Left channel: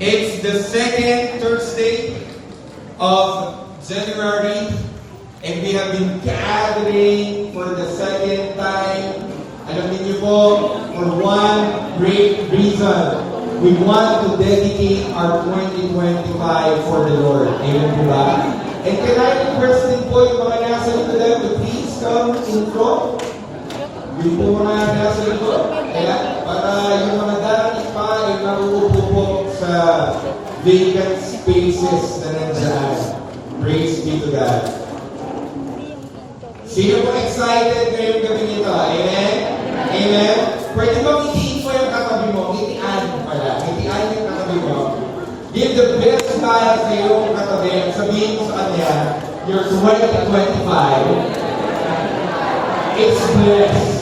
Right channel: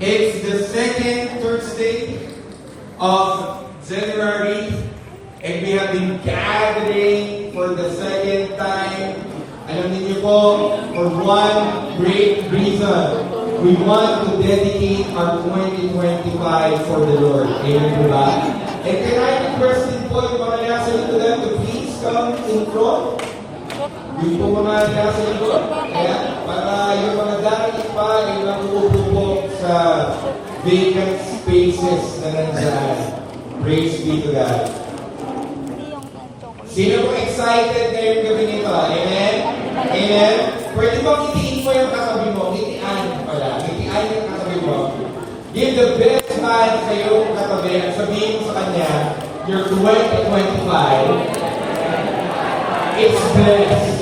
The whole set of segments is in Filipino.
It's the second Thursday of January, and we have been gathering for the second time. Alam niyo po, for one great reason. We want to dedicate our 2025 for the Lord. Amen po ba? And can I request din po yung mga nasa likod to please come in front? Yung po mga nasa likod. Kaya para yung mga dati pa ay naruupo po sa vacant spaces na nandiyan. Praise be to God. Sino po excited ngayong gabi nito? Amen? Amen? Pwede mo ngitiin mo yung katabi mo. Ngitian pala. Ngitian yung katabi mo. Give the best smile sa iyong katabi at sabihin mo sa kanya, your 2025 it's blessed.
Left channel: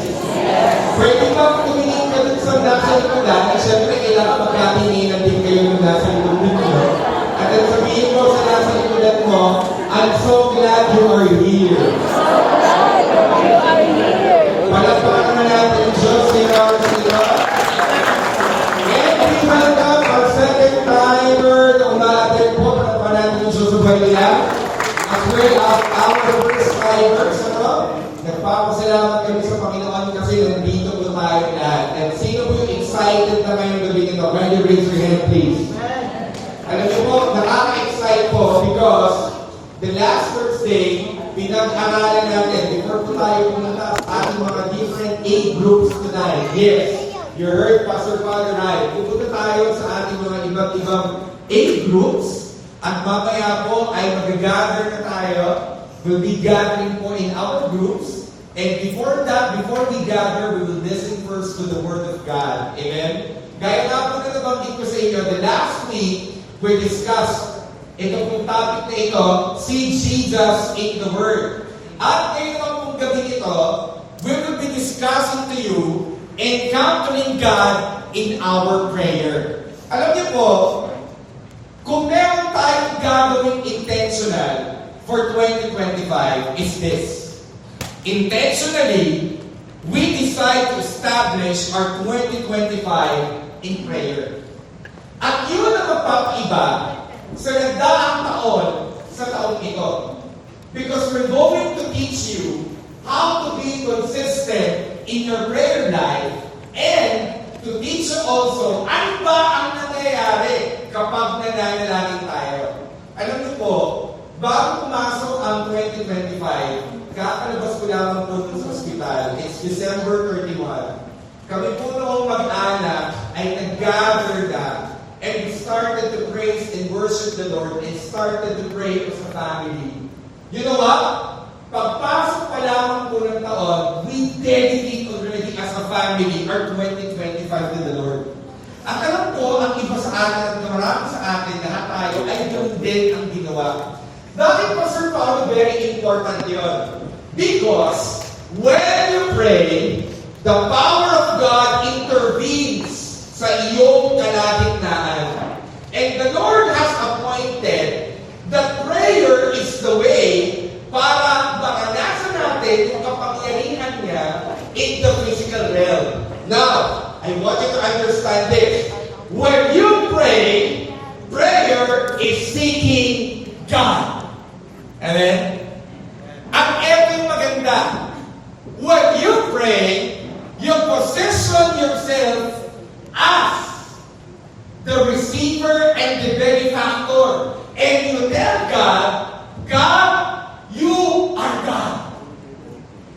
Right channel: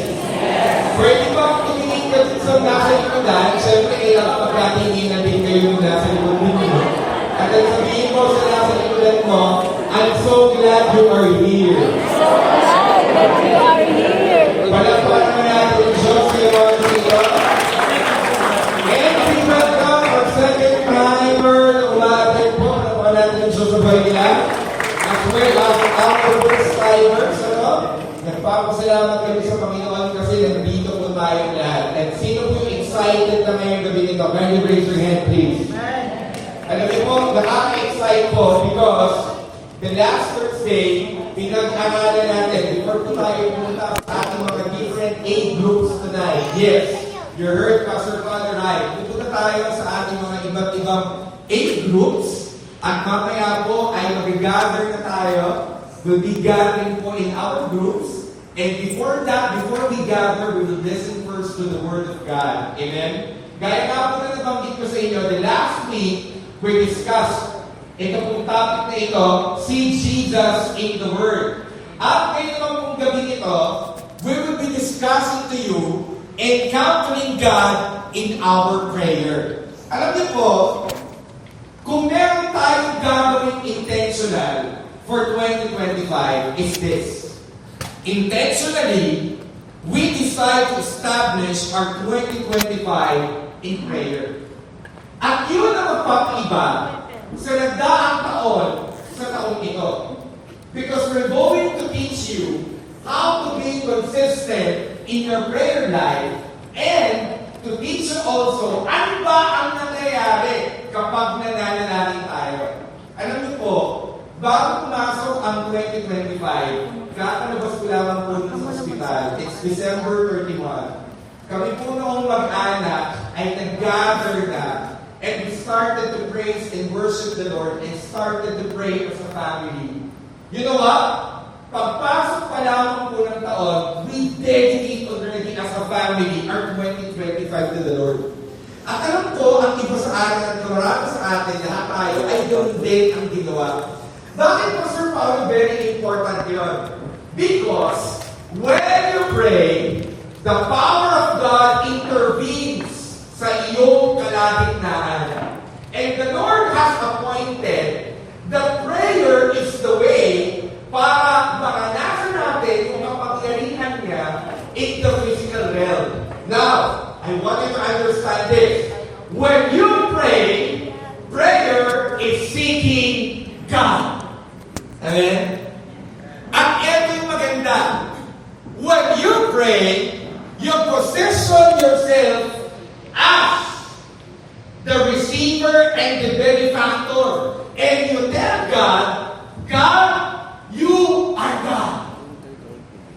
Pwede ba tumingin ka dun sa nasa likodan? Siyempre, kailangan magkatinginan din kayo ng nasa likodan nyo. At sabihin mo sa nasa likodan mo, I'm so glad you are here. Palagpakan mo natin yung Diyos sa iyo. And we welcome our second timer na umaattend po. Palagpakan natin yung Diyos sa buhay nila. As well as our first timers. Nagpapasalamat kami sa Panginoon kasi nandito po tayo lahat. At sino po yung excited na ngayong gabi nito? Can you raise your hand, please? Alam niyo po, nakaka-excite po because the last Thursday, pinag-aralan natin, before po tayo pumunta sa ating mga different age groups tonight. Yes, you heard Pastor Father right. Pupunta tayo sa ating mga iba't ibang age groups at mamaya po ay mag-gather na tayo. We'll be gathering po in our groups. And before that, before we gather, we will listen first to the Word of God. Amen? Gaya nga po na nabanggit ko sa inyo, the last week, we discussed ito pong topic na ito, see Jesus in the Word. At ngayon naman pong gabi ito, we will be discussing to you, encountering God in our prayer. Alam niyo po, kung meron tayong gagawin intentional for 2025, is this. Intentionally, we decide to establish our 2025 in prayer. At yun ang magpapaiba sa nagdaang taon sa taong ito. Because we're going to teach you how to be consistent in your prayer life and to teach you also ano ba ang nangyayari kapag nananalangin tayo. Alam niyo po, bago pumasok ang 2025, kakalabas ko lamang po sa ospital. It's December 31. Kami po noong mag-anak ay nag-gather na and we started to praise and worship the Lord and started to pray as a family. You know what? Pagpasok pa lamang po ng taon, we dedicate already as a family our 2025 to the Lord. At alam ko, ang iba sa atin at marami sa atin, lahat tayo ay ganoon din ang ginawa. Bakit pa, Sir Paolo, very important yun? Because when you pray, the power of God intervenes sa iyong kalagitnaan. And the Lord has appointed that prayer is the way para maranasan natin yung kapangyarihan niya in the physical realm. Now, I want you to understand this. When you pray, prayer is seeking God. Amen? At ito yung maganda. When you pray, you position yourself as the receiver and the benefactor. And you tell God, God, you are God.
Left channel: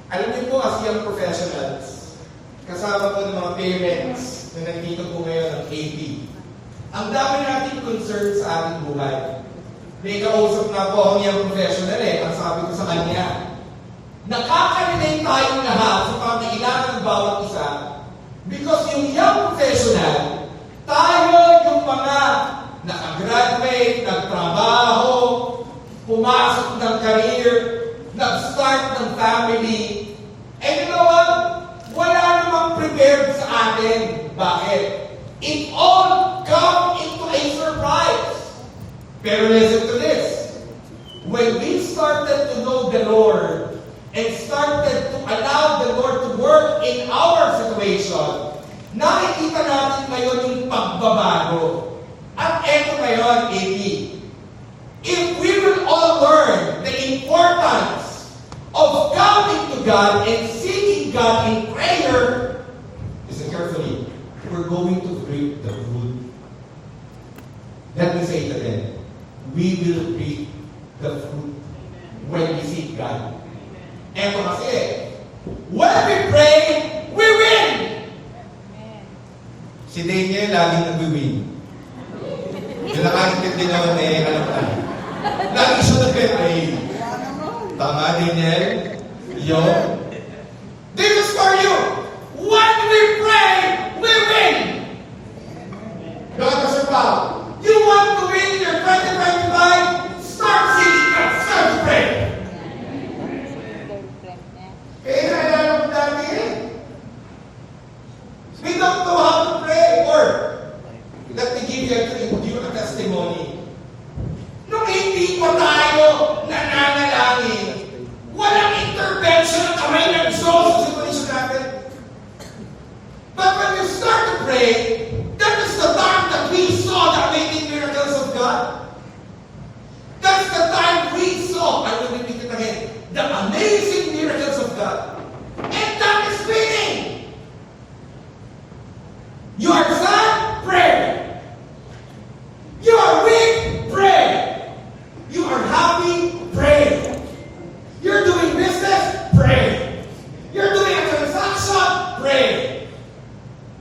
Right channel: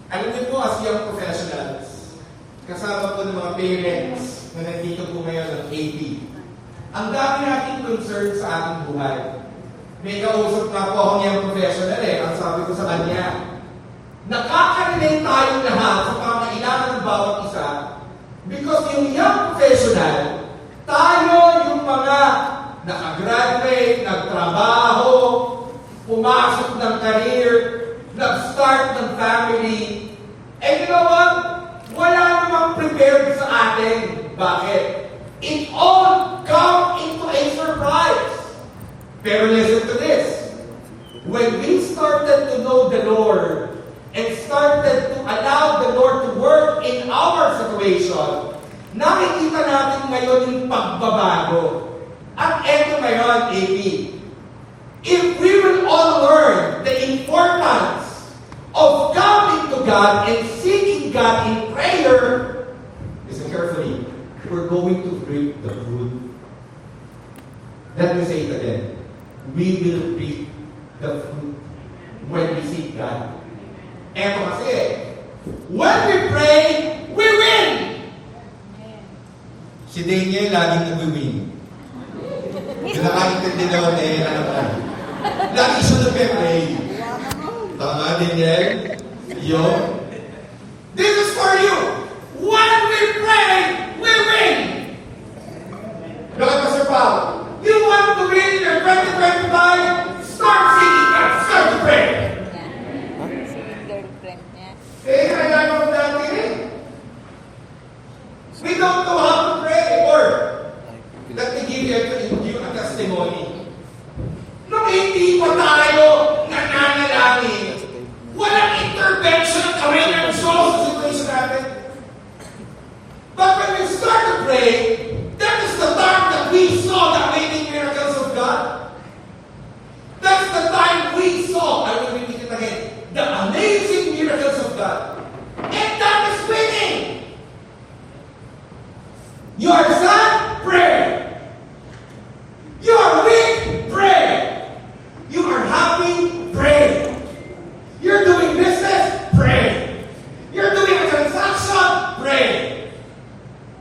Alam niyo po, as young professionals, kasama po ng mga parents na nandito po ngayon ng AP, ang dami nating concern sa ating buhay. May kausap na po akong young professional Ang sabi ko sa kanya, nakaka-relate tayong lahat sa pangailangan ng bawat isa because yung young professional, tayo yung mga nakagraduate, nagtrabaho, pumasok ng career, nag-start ng family. And you know what? Wala namang prepared sa atin. Bakit? It all come into a surprise. Pero listen to this. When we started to know the Lord and started to allow the Lord to work in our situation, nakikita natin ngayon yung pagbabago. At AP. If we will all learn the importance of coming to God and seeking God in prayer, listen carefully, we're going to reap the fruit. Let me say it again. We will reap the fruit when we seek God. Eto kasi, when we pray, we win! Si Daniel laging nag-win. Yung nakaintindi naman lagi siya nag-pray. Tama, Daniel? Yun. This is for you. When we pray, we win! God, Pastor Paul, you want to win your 2025? Start singing God. Start to pray. Eh, kailangan mo dati rin. We don't know how to pray. Or, let me give you a testimony. Nung hindi pa tayo nananalangin, walang intervention kami ng Diyos sa situation natin. But when we start to pray, that is the time that we saw the amazing miracles of God. That's the time we saw, I will repeat it again, the amazing miracles of God. And that is winning. You are sad? Pray. You are weak? Pray. You are happy? Pray. You're doing business? Pray. You're doing a transaction? Pray.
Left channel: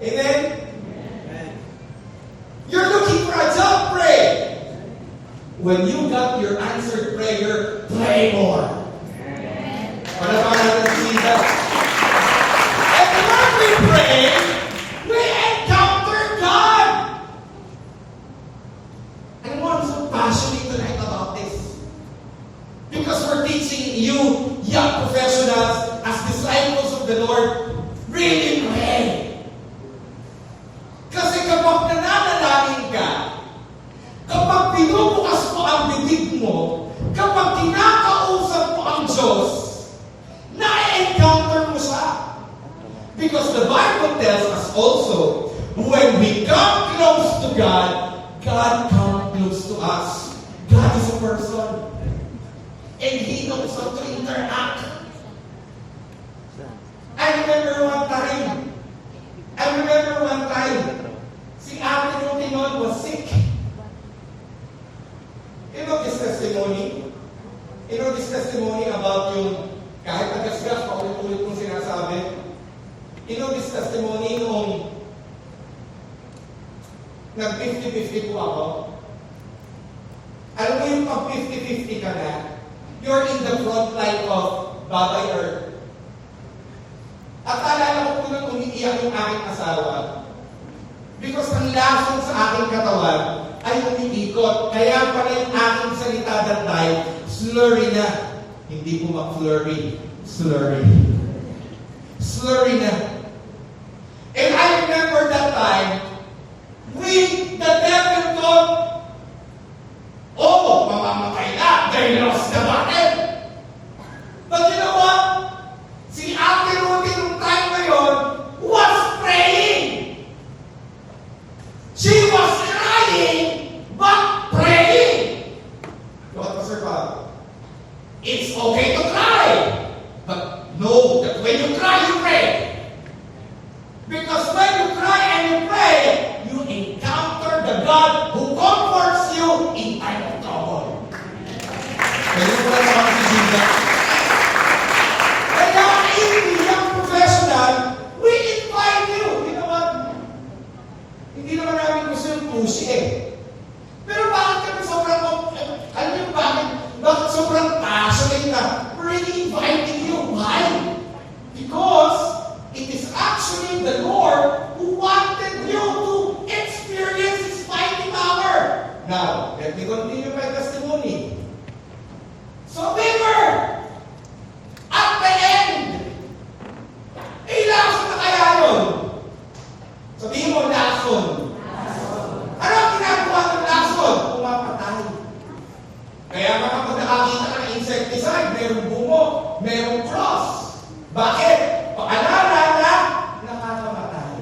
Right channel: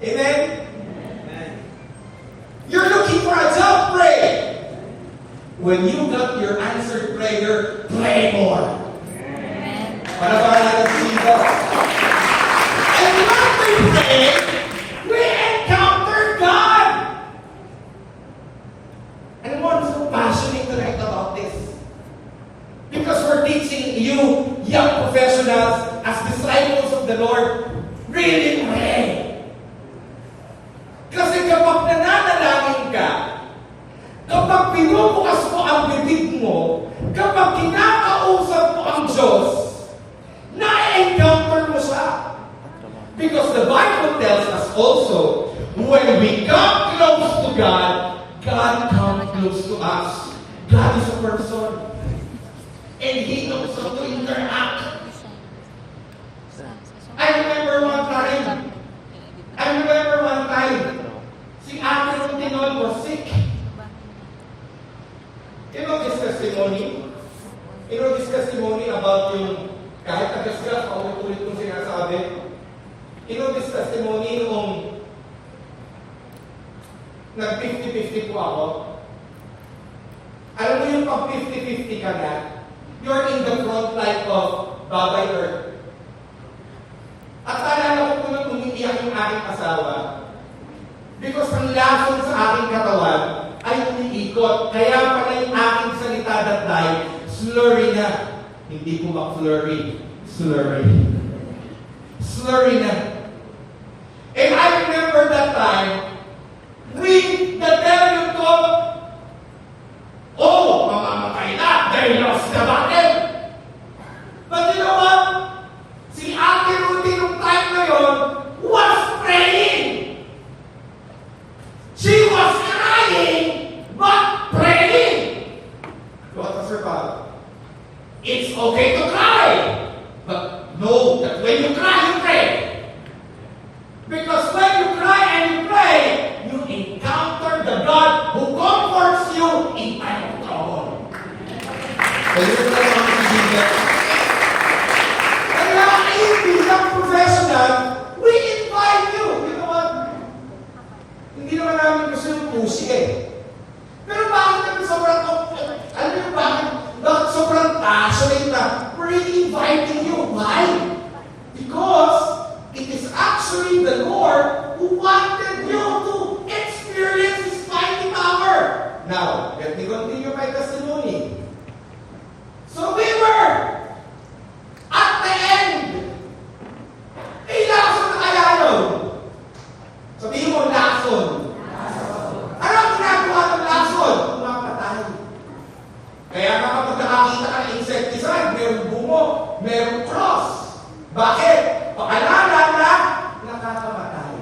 Amen? You're looking for a job? Pray. When you got your answered prayer, pray more. Para natin si Jesus. And when we pray, we encounter God. And I'm so passionate tonight about this. Because we're teaching you, young professionals, as disciples of the Lord, really pray. Kasi kapag nananalangin ka, kapag pinubukas mo ang bibig mo, kapag kinakausap mo ang Diyos, na-encounter mo siya. Because the Bible tells us also, when we come close to God, God comes close to us. God is a person. And He knows how to interact. I remember one time, si Ate Rotinon was sick. You know this testimony? You know this testimony about yung kahit nagasgas, paulit-ulit kong sinasabi. You know this testimony noong nag-50-50 po ako. Alam mo yung pag 50-50 ka na, you're in the front line of Babay Earth. At alala ko nung umiiyak yung aking asawa. Because ang lason sa aking katawan ay umiikot. Kaya pala yung aking salita that time, slurry na. Hindi po mag-flurry. Slurry. Slurry na. And I remember that time, the devil thought, oh, mamamatay na. They lost the battle. But you know what? Si Ate Rudy nung time na yun was praying. She was crying, but praying. What was her father? It's okay to cry. But know that when you cry, you pray. Because when you cry and you pray, you encounter the God who comforts you in time of trouble. Kaya ko lang naman si kaya if young professional, we invite you. You know what? Hindi naman namin gusto yung pusi eh. Pero bakit kami sobrang, alam niyo bakit sobrang passionate na? We're really inviting you. Why? Because it is actually the Lord who wanted you to experience His mighty power. Now, let me continue my testimony. So we were at the end. Lason na kaya yun? Sabihin mo, lason. Ano ang ginagawa ng lason? Pumapatay. Kaya nga kapag nakakita ka ng insecticide, merong bungo, merong cross. Bakit? Paalala na nakakamatay.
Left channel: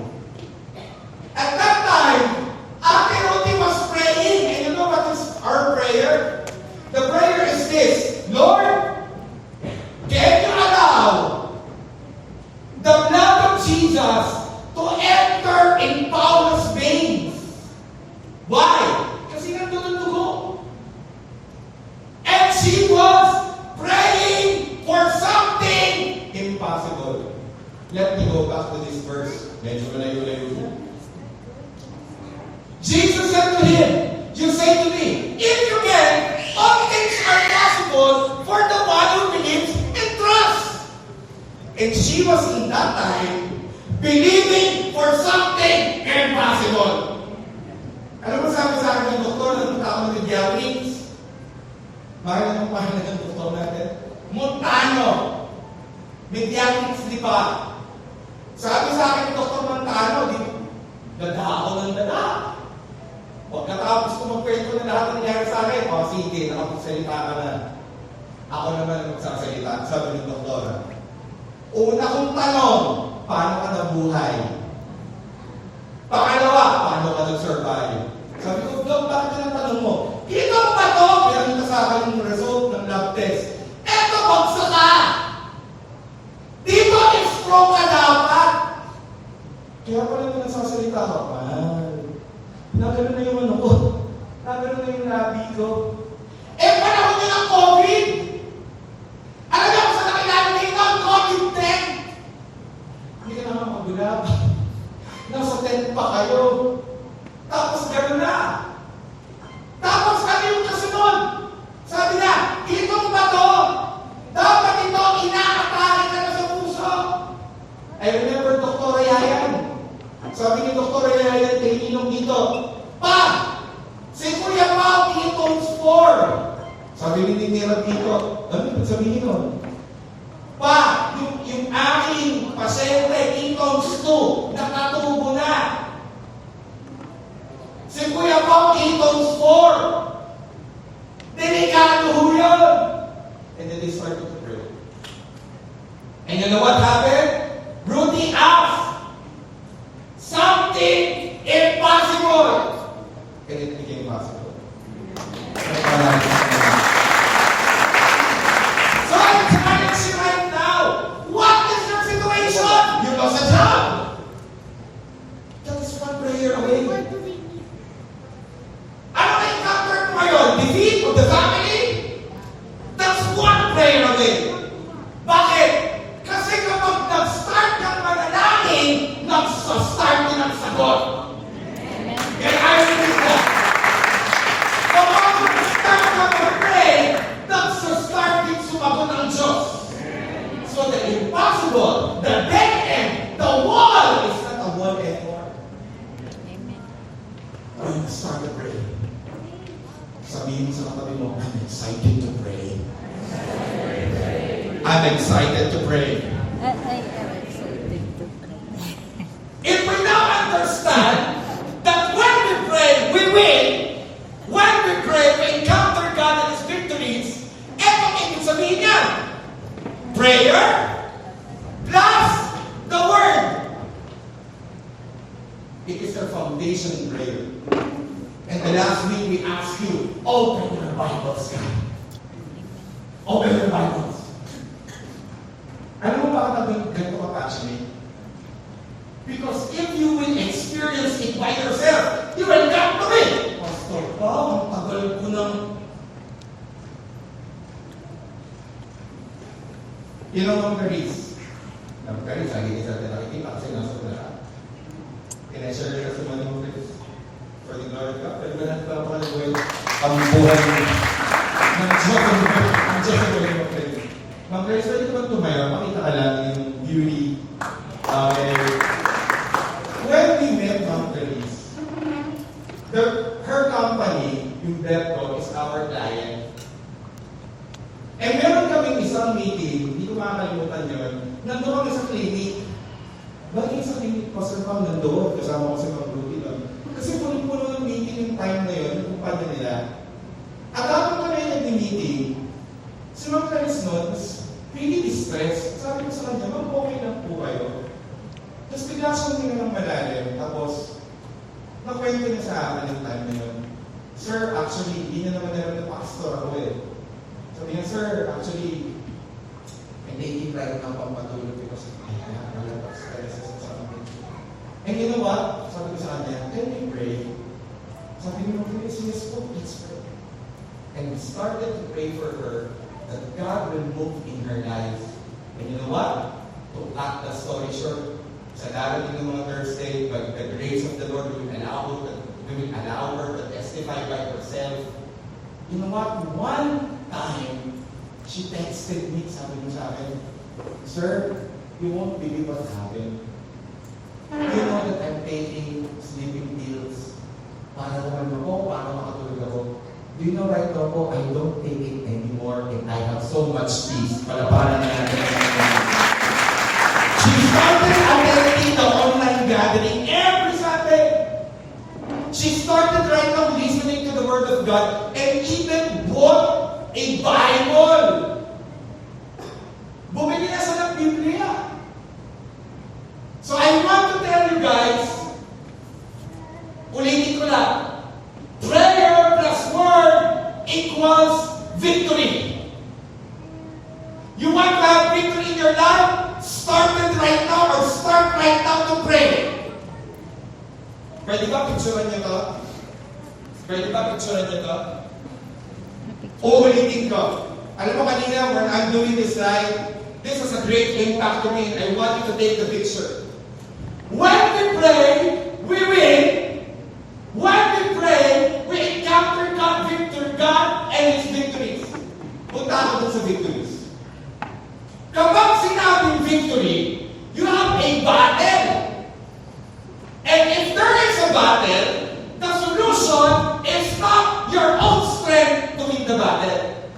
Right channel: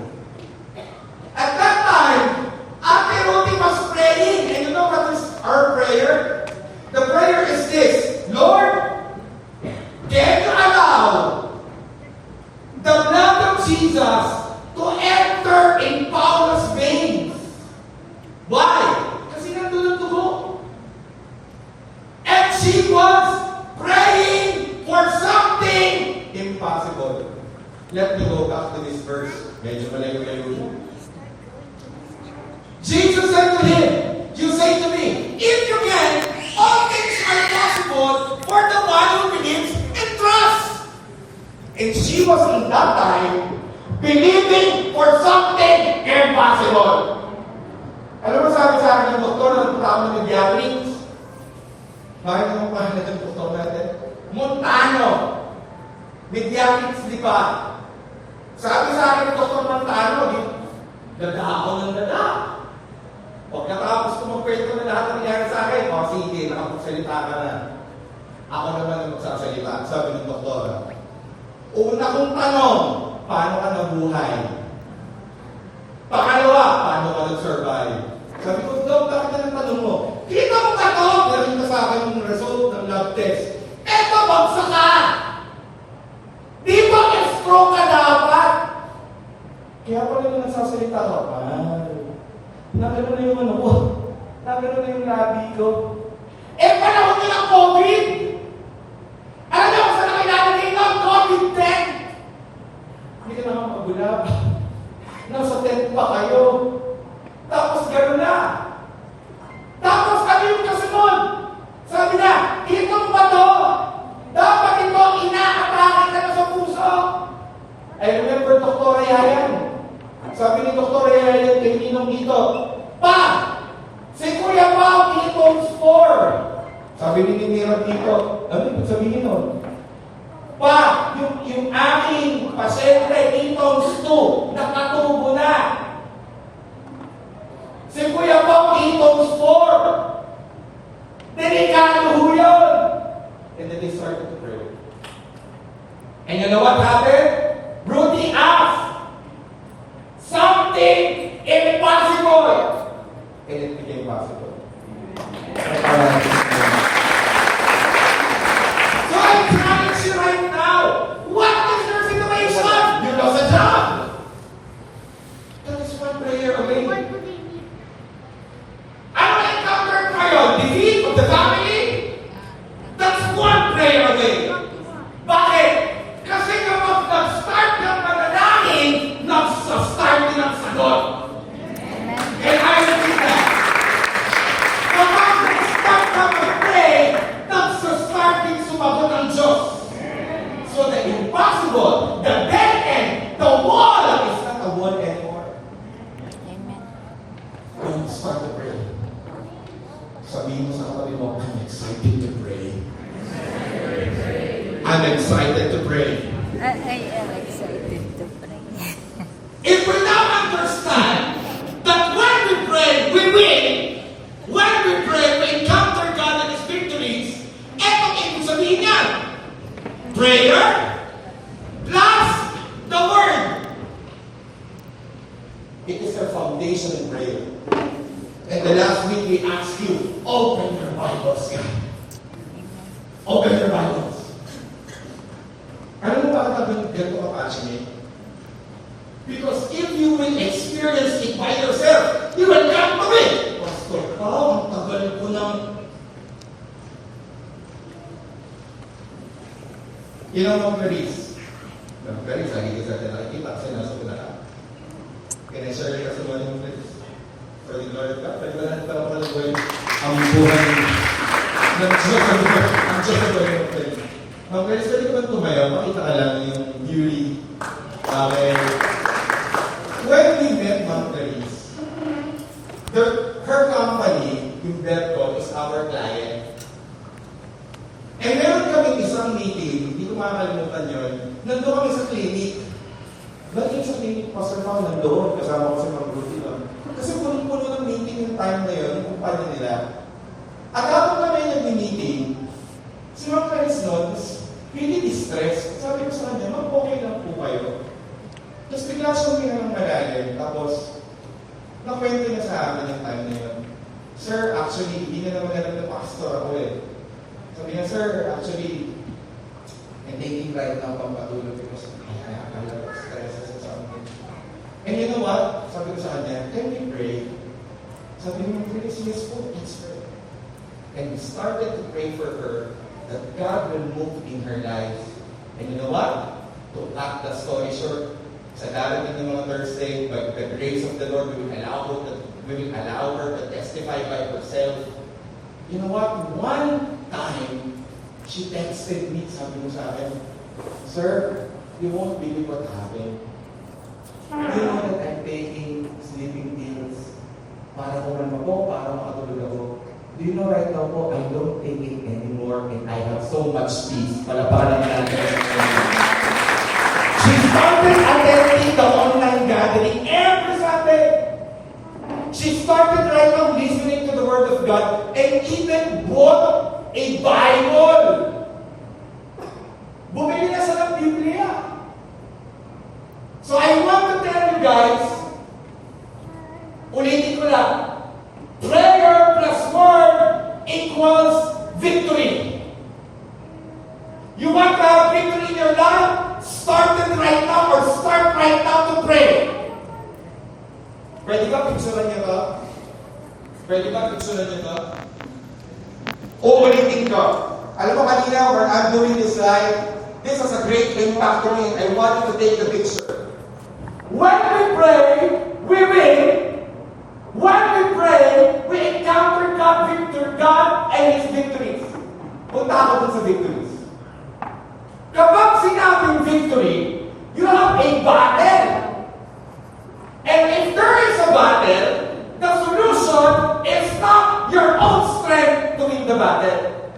At that time, Ate Rudy was praying. And you know what was Medyo malayo-layo na. Jesus said to him, you say to me, if you can, all things are possible for the one who believes and trusts. And she was in that time believing for something impossible. Alam mo sabi sa akin yung doktor ng programa ng Diatrix? Bakit naman pangalan ng doktor natin? Montano. Mediatrix, di ba? Sabi sa akin ng doktor Montano, dada ako ng dada. Pagkatapos ko magkwento na lahat ng nangyari sa akin, sige, nakapagsalita ka na. Ako naman ang magsasalita, sabi ng doktor. Una kong tanong, paano ka nabuhay? Pangalawa, paano ka nag-survive? Sabi ko, Dok, bakit ka ng tanong mo? Kita mo ba ito? Meron ka sa akin yung result ng lab test. Eto, bagsak ka! Di ba i-stroke ka dapat? Kaya pala ito nagsasalita ka pa. Nagano na yung ano ko. Nagano na yung labi ko. Panahon nyo ng COVID! Alam niyo kung saan nakilala dito? COVID-10! Hindi ka naman magulab. Nasa tent pa kayo. Tapos gano'n na. Tapos ano yung kasunod? Sabi niya, itong bato, dapat ito inaatake ka na sa puso. I remember Dr. Yayan. Sabi ni Dr. Yayan, ininom dito, Pa! Si Kuya Pao, Ketones 4. Sabi ni Nira dito, ano yung sabihin nun? Pa, yung aking pasyente, Ketones 2, nakatubo na. Si Kuya Pao, Ketones 4. Delikado ho yun. And then they started to pray. And you know what happened? Rudy asked, something impossible. And it became possible. So I'm challenging you right now. What is your situation? You lost a job. That is one prayer away. Ano na-encounter mo ngayon? Defeat of the family? That's one prayer away. Bakit? Kasi kapag nag-start ng panalangin, nag-start din ang sagot. And I repeat that. Kapag nag-start ka mag-pray, nag-start din sumagot ang Diyos. So the impossible, the dead end, the wall is not a wall anymore. When you start to pray, sabihin mo sa katabi mo, I'm excited to pray. I'm excited to pray. I am excited to pray. If we now understand that when we pray, we win. When we pray, we encounter God and His victories. Eto ang ibig sabihin niya. Prayer plus the Word. It is our foundation prayer. And the last week we asked you, open your Bibles. Open your Bibles. Alam mo bakit ang ganito ka passionate? Because if you will experience it by yourself, you will come to me. Pastor, ang tagal ko ng... You know, Ma'am Caris, lagi ko sa atin nakikita kasi nasa ko na. Can I share your testimony, Ma'am Caris? For the glory of God, pwede ba natin kapalaguin ang buhay ng Diyos ang Diyos sa buhay mo, Caris? Ma'am Caris, pwede ko ba tumayo? Makita ka lang yung beauty. When we met Ma'am Caris, her company, yung Betco, is our client. And meron kaming isang meeting, hindi ko makakalimutan yun, nandun kami sa clinic. Nandun sa clinic, Pastor Pao, nandun, kasama ko sa Pag-Ruti lang. Kasi puno-puno ng meeting yung time na yun, yung kumpanya nila. At habang kami nag-meeting, si Ma'am Caris noon, really distressed. Sabi ko sa kanya, Ma'am, okay lang po kayo. Tapos bigla siyang tingnan ng malalim, tapos nakwento niya sa akin yung time na yun. Sir, actually, hindi na naman alam na pastor ako eh. Sabi niya, sir, actually, I'm taking right now pampatulog because I have a lot of stresses or something. And you know what? Sabi ko sa kanya, can we pray? Sabi niya, please, yes po, let's pray. And we started to pray for her that God will move in her life. And you know what? To cut the story short, Sa darating ng mga Thursday, the grace of the Lord, we will allow her to testify by herself. You know what? One time, she texted me, sabi niya sa akin, "Sir, you won't believe what happened. You know that I'm taking sleeping pills para naman ako, para makatulog ako. Do you know right now po, I don't take it anymore and I have so much peace." Palaparan natin. She started attending the online gathering every Sunday. She started right now listening to the Word of God and even bought a Bible. Bumili na siya ng Biblia. So I want to tell you guys, ulitin ko lang, prayer plus word equals victory. You want to have victory in your life? Start it right now or start right now to pray. Pwede ba picturean niyo to? Pwede ba picturean niyo to? Uulitin ko. Alam mo kanina, when I'm doing this live, this has a great impact to me and I want you to take the picture. When we pray, we win. When we pray, we encounter God and His victories. Punta ako dun sa victories. Kapag sinabing victory, you have a battle. And if there is a battle, the solution is not your own strength to win the battle.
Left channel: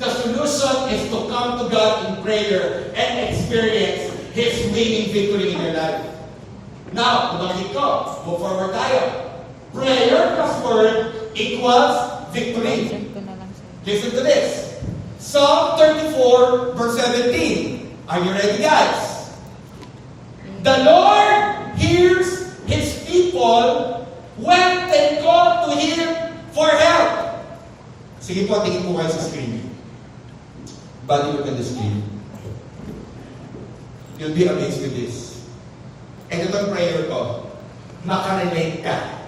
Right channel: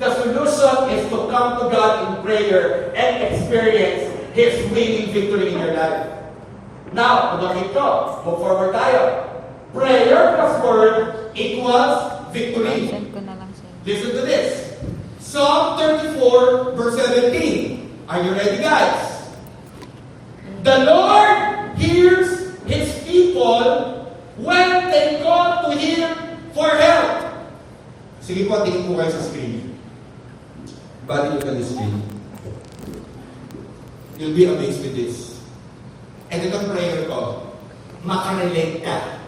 The solution is to come to God in prayer and experience His winning victory in your life. Now, pagkakit ko, move forward tayo. Prayer plus word equals victory. Send ko na lang sa'yo. Listen to this. Psalm 34, verse 17. Are you ready, guys? The Lord hears His people when they call to Him for help. Sige po, tingin po kayo sa screen. Body look at the screen. You'll be amazed with this. And itong prayer ko, makarelate ka.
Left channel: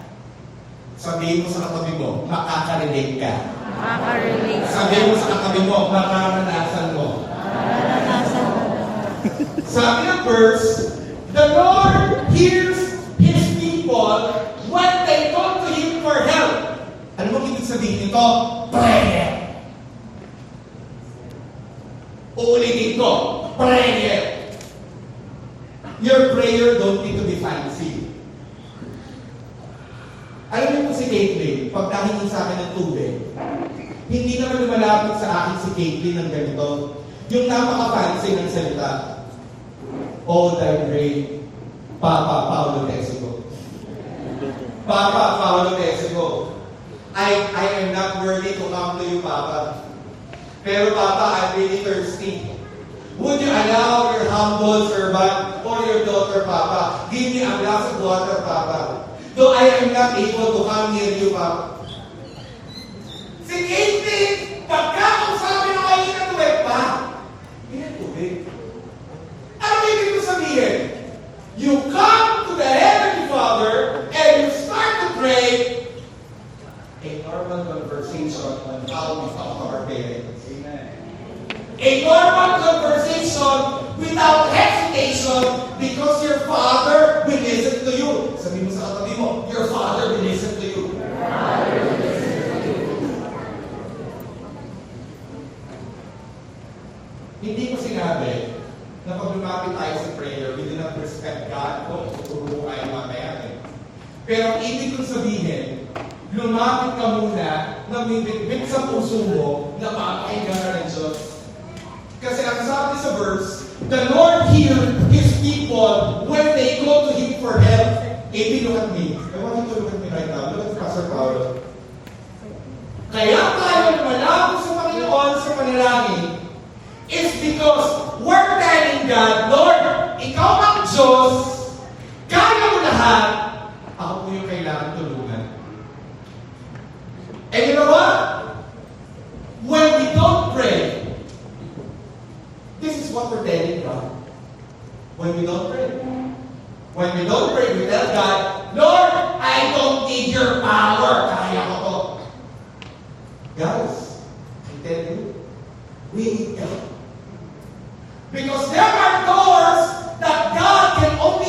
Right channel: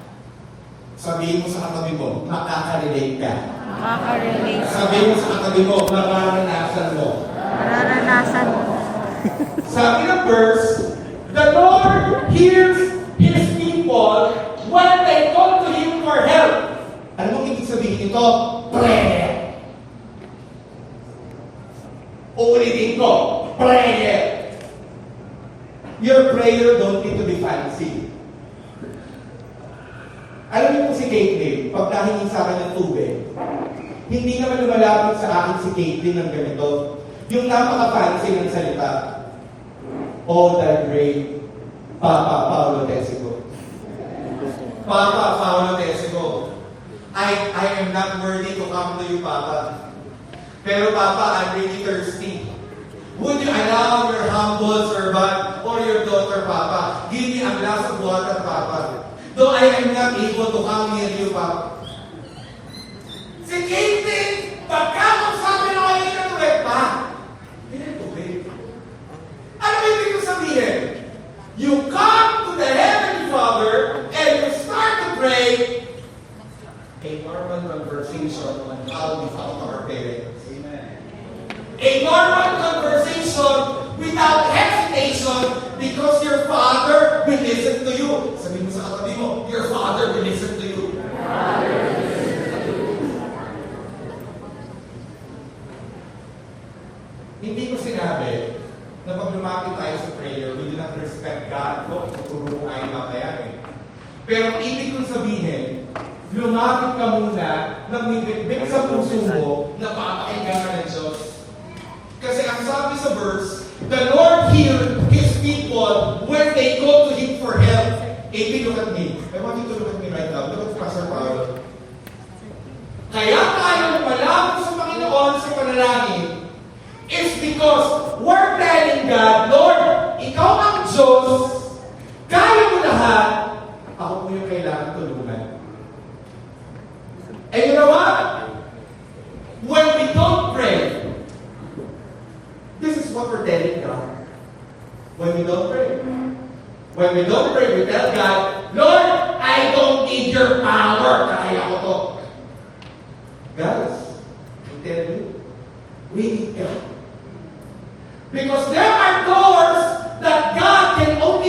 Sabihin mo sa katabi mo, makakarelate ka. Makaka-relate ka. Sabihin mo sa katabi mo, mararanasan mo. Mararanasan mo. Sabi ng verse, the Lord hears His people when they call to Him for help. Ano mo ibig sabihin nito? Prayer. Uulitin ko, prayer. Your prayer don't need to be fancy. Alam niyo po si Caitlyn, pag nahingi sa akin ng tubig, hindi naman lumalapit sa akin si Caitlyn ng ganito. Yung napaka-fancy ng salita. All thy great Papa Paolo Tessico. Papa Paolo Tessico, I am not worthy to come to you, Papa. Pero Papa, I'm really thirsty. Would you allow your humble servant or your daughter, Papa, give me a glass of water, Papa? Though I am not able to come near you, Papa. Si Caitlyn, pagka kung sabi ng ay inatuwet pa, pinatubig. Ano ibig ko sabihin? You come to the Heavenly Father and you start to pray a normal conversation on how we talk to our parents. Amen. A normal conversation without hesitation because your Father will listen to you. Sabi mo sa katabi mo, your Father will listen to you. Hindi ko sinabi na pag lumapit tayo sa prayer, we do not respect God. Kung tuturo tayo mamaya eh. Pero ibig kong sabihin, lumapit ka muna na may bitbit sa puso mo na papakinggan ka ng Diyos. Kasi ang sabi sa verse, the Lord hears His people when they go to Him for help. If you look at me, I want you to look at me right now. Look at Pastor Paolo. Kaya tayo malapit sa Panginoon sa panalangin is because we're telling God, Lord, Ikaw ang Diyos, kaya mo lahat, ako po yung kailangan tulungan. And you know what? When we don't pray, this is what we're telling God. When we don't pray. When we don't pray, we tell God, Lord, I don't need your power. Kaya ko to. Guys, I tell you, we need God. Because there are doors that God can only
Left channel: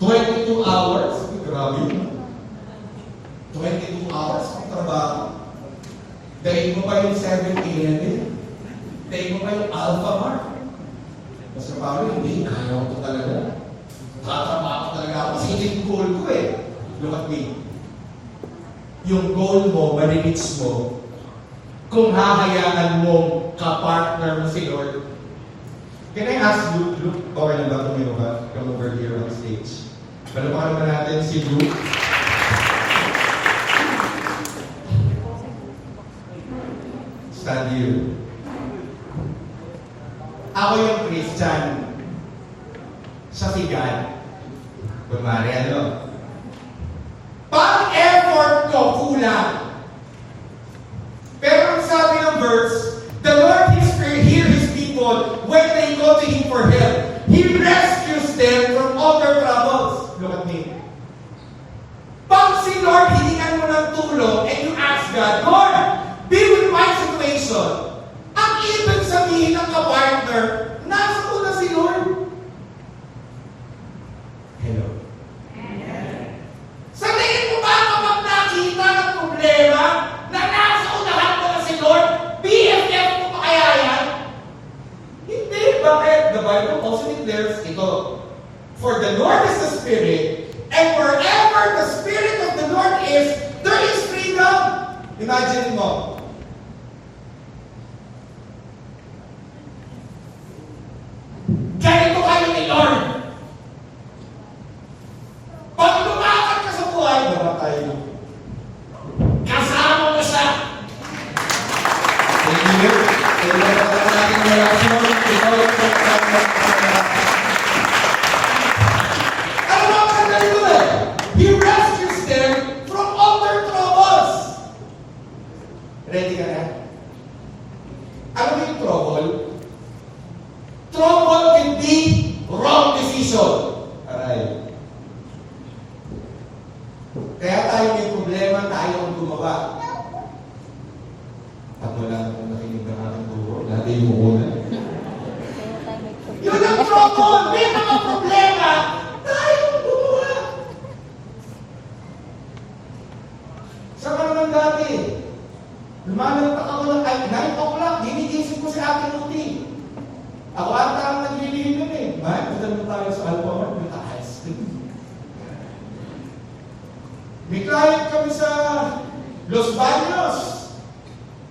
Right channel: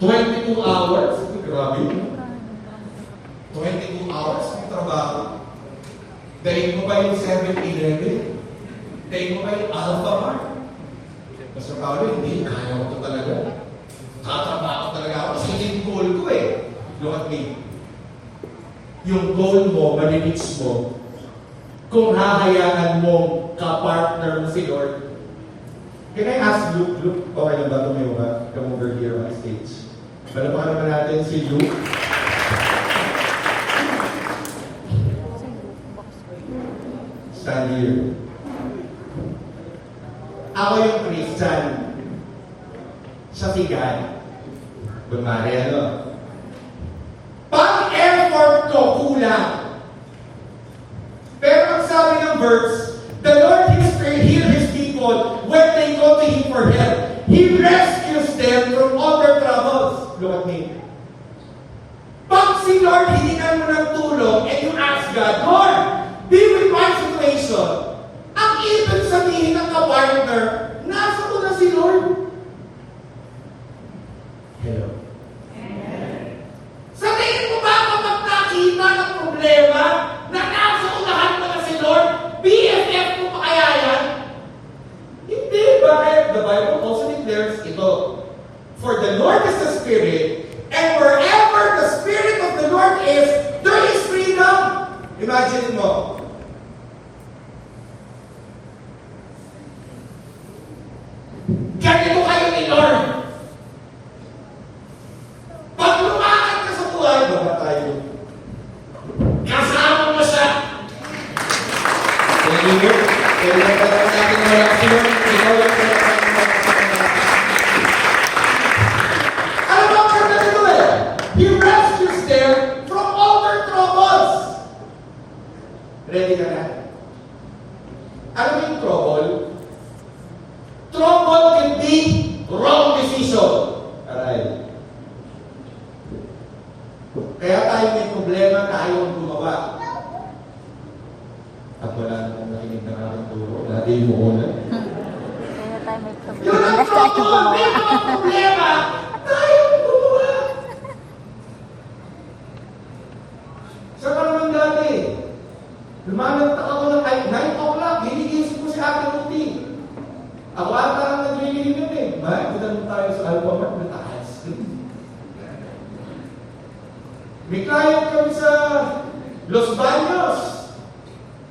22 hours? Grabe yun. 22 hours ng trabaho. Dahil mo ba yung 7-Eleven? Dahil mo ba yung Alpha Mart? Basta Paolo, hindi. Kaya ko talaga. Tatrabaho talaga ako. Kasi ito yung goal ko eh. Look at me. Yung goal mo, marireach mo, kung hahayaan mo ka-partner mo si Lord. Can I ask Luke? Luke, okay lang ba tumayo ka? Come over here on stage. Malapakan naman natin si Luke. Stand here. Ako yung Christian. Siya si God. Bumari, ano? Pang-effort ko, kulang. Pero ang sabi ng verse, the Lord hear His people when they go to Him for help. He rescues them from all their troubles. Look at me. Pag si Lord hiningan mo ng tulong and you ask God, Lord, be with my situation. Ang ibig sabihin ng ka-partner, nasa ko na si Lord. Hello. Sa tingin mo ba kapag nakita ng problema na nasa unahan mo na si Lord, BFF mo pa kaya yan? Hindi. Bakit? The Bible also declares ito. For the Lord is the Spirit, and wherever the Spirit of the Lord is, there is freedom. Imagine mo. Ganito kayo ni Lord. Pag lumakad ka sa buhay, baba tayo. Kasama mo siya. Thank you. Kaya na pa natin na reaksyon. Ikaw yung ano ba ang kanya nito eh? He rescues them from all their troubles. Ready ka na? Ano ba yung trouble? Trouble can be wrong decision. Aray. Kaya tayo may problema, tayo ang gumawa. At wala namang nakinig ng ating turo. Dati yung una. Kaya tayo may problema. Yun ang trouble! May mga problema! Tayo ang gumawa! Sa naman dati, lumalantak ako ng 9 o'clock, ginigisip ko si Ate Ruti. Ako ata ang naglilihim nun eh. May, punta naman tayo sa Alpha Mart, may ice cream. May client kami sa Los Baños.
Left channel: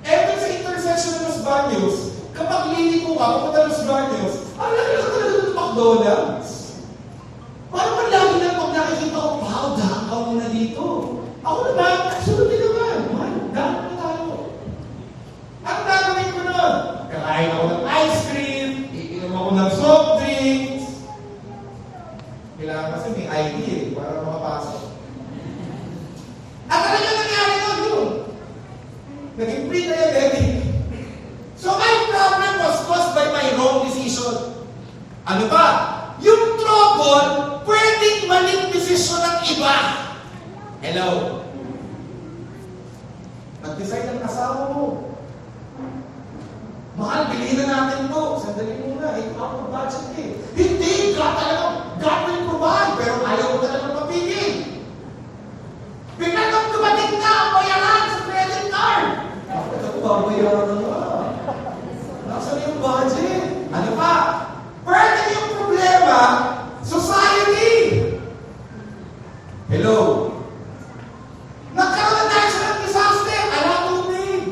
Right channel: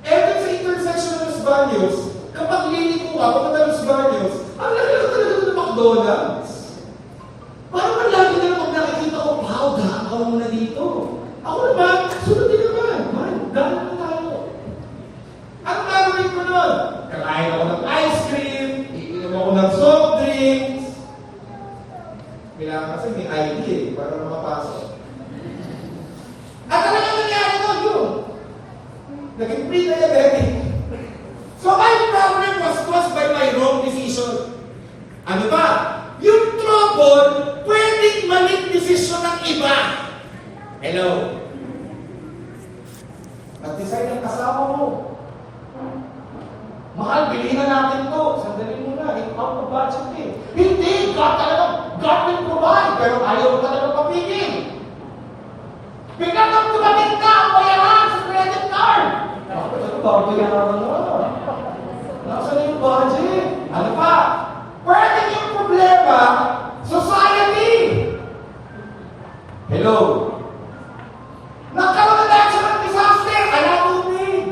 Eto sa intersection ng Los Baños, kapag liliko ka, papunta Los Baños, ang lalala talaga ng McDonald's. Parang ang lagi lang pag nakikita ko, wow, daan ka muna dito. Ako naman, sunodin naman. Man, daan na tayo. Ang gagawin ko nun, kakain ako ng ice cream, iinom ako ng soft drinks. Kailangan kasi may ID eh, para makapasok. At ano yung nangyari ko yun? Naging pre-diabetic. So my problem was caused by my wrong decision. Ano ba? Yung trouble, pwedeng maling decision ng iba. Hello? Nag-decide ang kasama mo. Mahal, bilhin na natin ito. Sandali muna, ito out of budget eh. Hindi, God will provide, pero ayaw mo talaga papigil. Bigla kang dumating na ang bayaran sa credit card. Ito ba, bayaran na? Nasaan yung budget? Ano pa? Pwede yung problema, society. Hello? Nagkaroon na tayo ng disaster, tubig.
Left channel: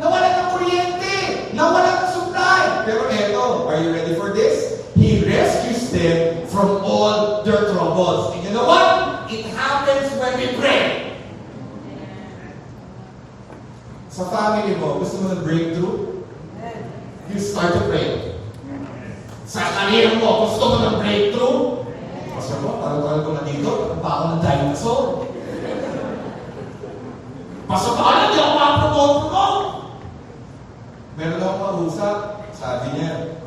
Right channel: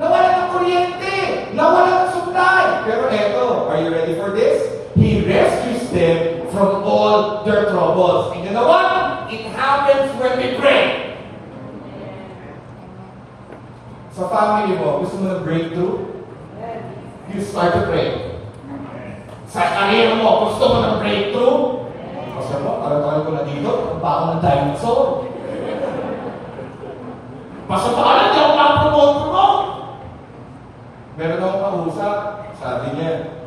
Nawala ng kuryente, nawala ng supply. Pero eto, are you ready for this? He rescues them from all their troubles. And you know what? It happens when we pray. Sa family mo, gusto mo ng breakthrough? You start to pray. Sa career mo, gusto mo ng breakthrough? Kasi mo, tagal-tagal ko na dito, pa ako ng dinosaur. Pasok ka na, di ako ma-promote. Meron akong kausap, sabi niya,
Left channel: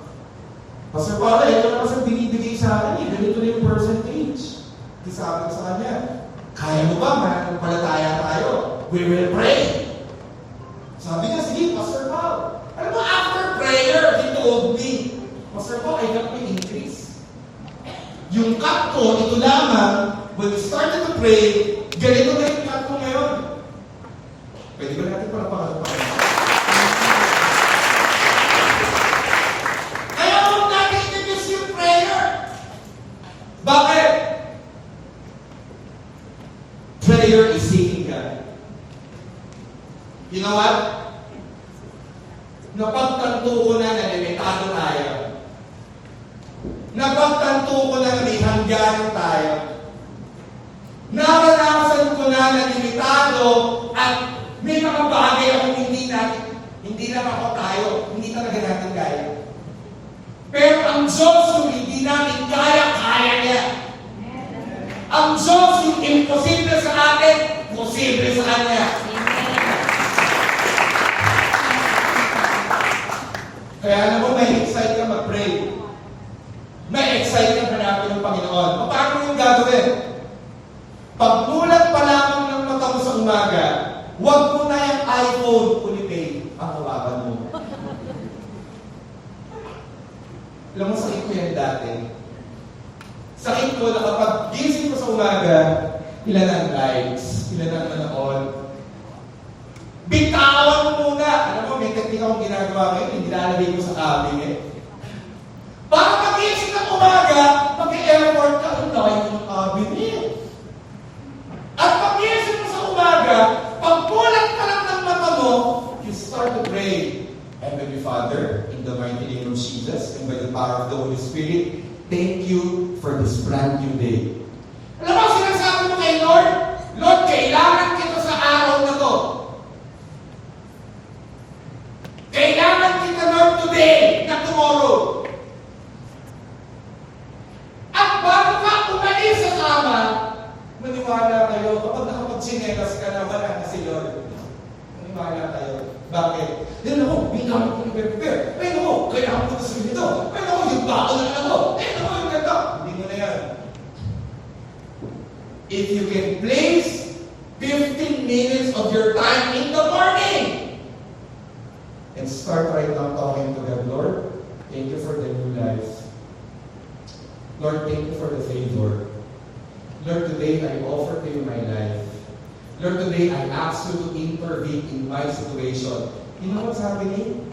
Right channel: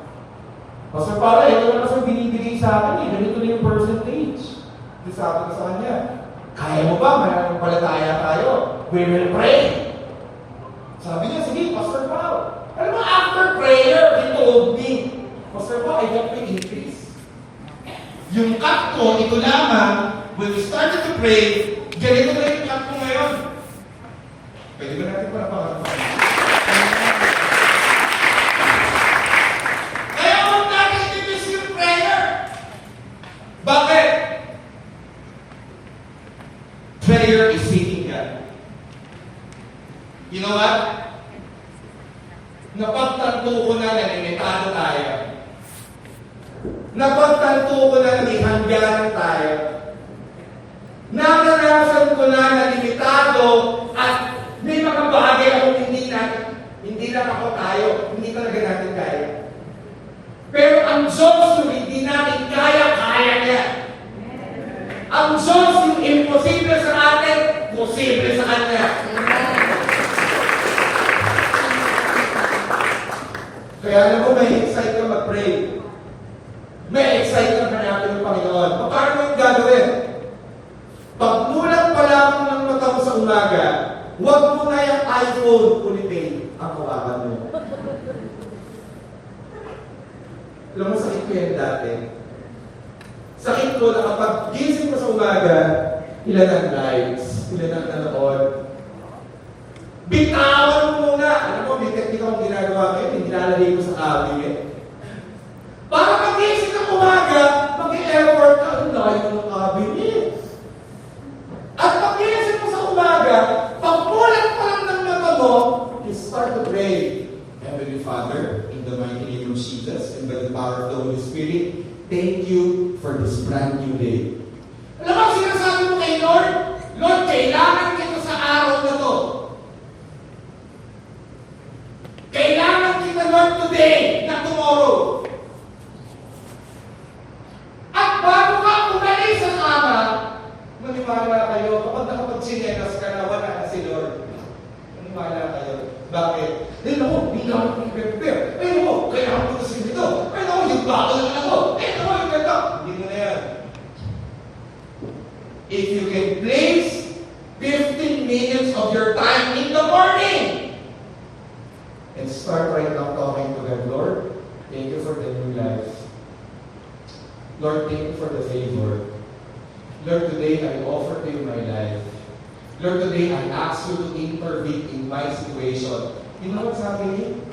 Pastor Paolo, ito na kasi binibigay sa akin eh, ganito na yung percentage. Di sabi ko sa kanya, kaya mo ba? Mananampalataya tayo. We will pray. Sabi niya, sige, Pastor Paolo. Alam mo, after prayer, he told me, Pastor Paolo, I got my increase. Yung cut ko, ito lamang, when you started to pray, ganito na yung cut ko ngayon. Pwede ba natin para pakatapan? Kaya huwag natin i-miss yung prayer. Bakit? Prayer is seeking God. You know what? Napagtanto ko na limitado tayo. Napagtanto ko na may hangganan tayo. Naranasan ko na limitado at may mga bagay akong hindi lang ako tayo, hindi talaga natin kaya. Pero ang Diyos kung hindi natin kaya niya. Ang Diyos yung imposible sa atin, posible sa Kanya. Kaya alam mo, may excite ka mag-pray. May excite ka hanapin ng Panginoon. Paano mo yung gagawin? Pagmulat pa lamang ng mata mo sa umaga, huwag mo na yung iPhone ulitin ang kawakan mo. Alam mo, sakit ko yan dati. Sakit ko na kapag gising ko sa umaga, ilan ang likes, ilan ang nanood. Bitawan mo muna. Alam mo, may teknika akong ginagawa ngayon, hindi nilalagay ko sa cabinet. Para pag-isip ng umaga, mag-i-effort ka, ang layo ng cabinet. At pag-isip mo sa umaga, pagpulat pa lang ng mata mo, you start to pray. Heavenly Father, in the mighty name of Jesus, and by the power of the Holy Spirit, thank you for this brand new day. Alam mo, sinasabi mo kay Lord, Lord, kailangan kita sa araw na to. Kailangan kita, Lord, today, not tomorrow. At bago ka umalis sa kama, maniwala kayo, kapag nakapagsinelas ka na, wala na si Lord. Maniwala kayo. Bakit? Dahil ako, bilang ko nag-prepare. Ayun ako, kailangan ko na sa ito. Ayun ako, yung bako na lang ako. Ayun ako, yung ganda. Hindi mo na yan. If you can place 15 minutes of your time in the morning and start right now talking to God, Lord, thank you for the new life. Lord, thank you for the favor. Lord, today I offer to you my life. Lord, today I ask you to intervene in my situation. You know what's happening?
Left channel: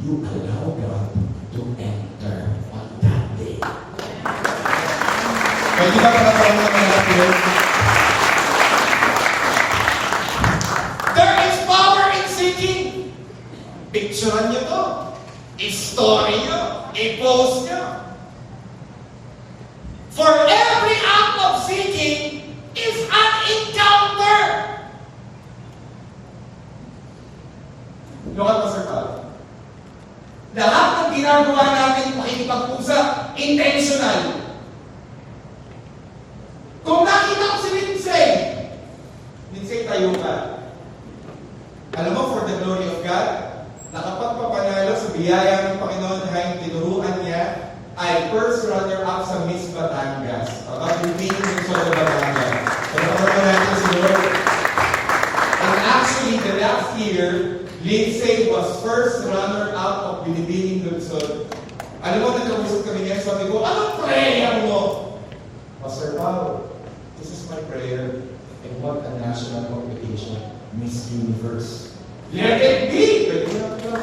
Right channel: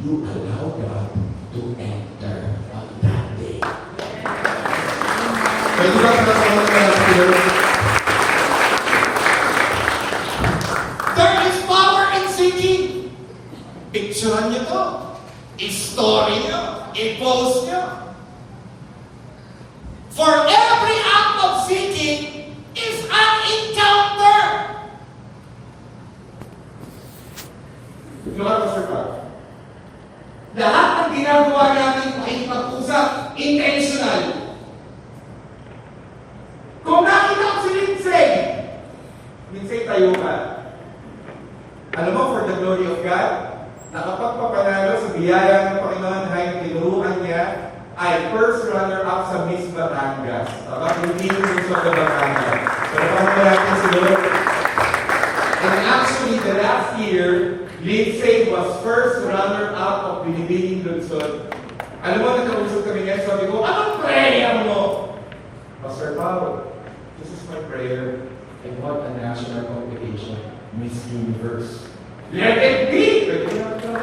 You allow God to enter on that day. May di ba katatawa na natin? There is power in seeking. Picturean niyo to. I-story niyo. I-post niyo. For every act of seeking is an encounter. You know what, Pastor Pat? Lahat ng ginagawa natin makikipag-usap, intentional. Kung nakita ko si Lindsay, tayo ka. Alam mo, for the glory of God, nakapagpapanalo sa biyaya ng Panginoon dahil tinuruan niya ay first runner-up sa Miss Batangas. Tama? Hindi yung sa Batangas. Pero kung natin si Lord. And actually, the last year, Lindsay was first runner-up of Binibining Lungsod. Alam mo, nagkausap kami ngayon, sabi ko, anong prayer mo? Pastor Paul, this is my prayer. I want a national competition, Miss Universe. Let it be! Pwede na ito na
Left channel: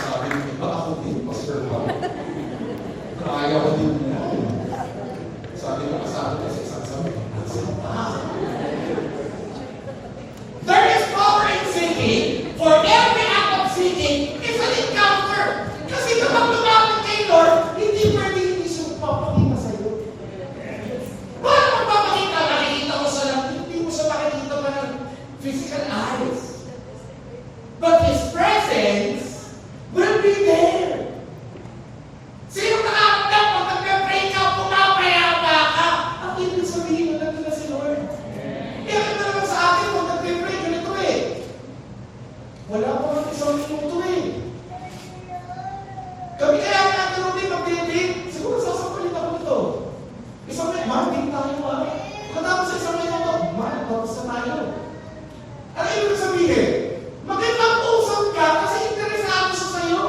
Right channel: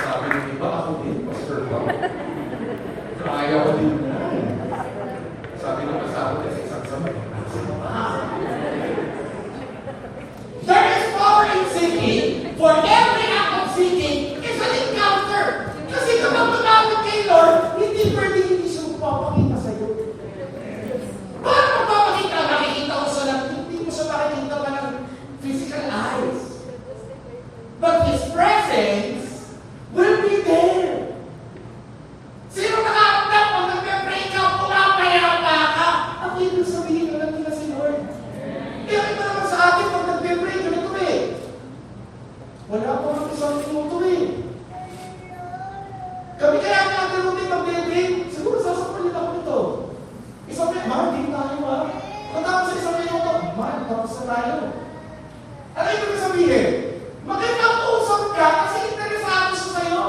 sabi ng iba, ako din, Pastor Paul. Kaya ko din na. Sabi ng asawa ko sa isang sabi, there is power in seeking. For every act of seeking is an encounter. Kasi kapag lumapit kay Lord, hindi pwede hindi siya magpapakita sa'yo. Paano magpapakita? Makikita ko siya lang, hindi mo siya makikita pa ng physical eyes. But His presence will be there. Sino nakakapag pag nagpe-pray ka, pumapayapa ka? Ang ibig sabihin na nandun na si Lord. Kaya ito naman sa atin, pag nagpe-pray, ganito eh. Wala pa ng isang minuto eh. Kami kaya natin natin mag-pray, siguro sasapalit ako nito. Isang minuto, man, din tayo ha. Katapos sa isang minuto, man, tapos na tayo. Ano ibig sabihin? Magandang usap ka kasi interesado siya sa'yo.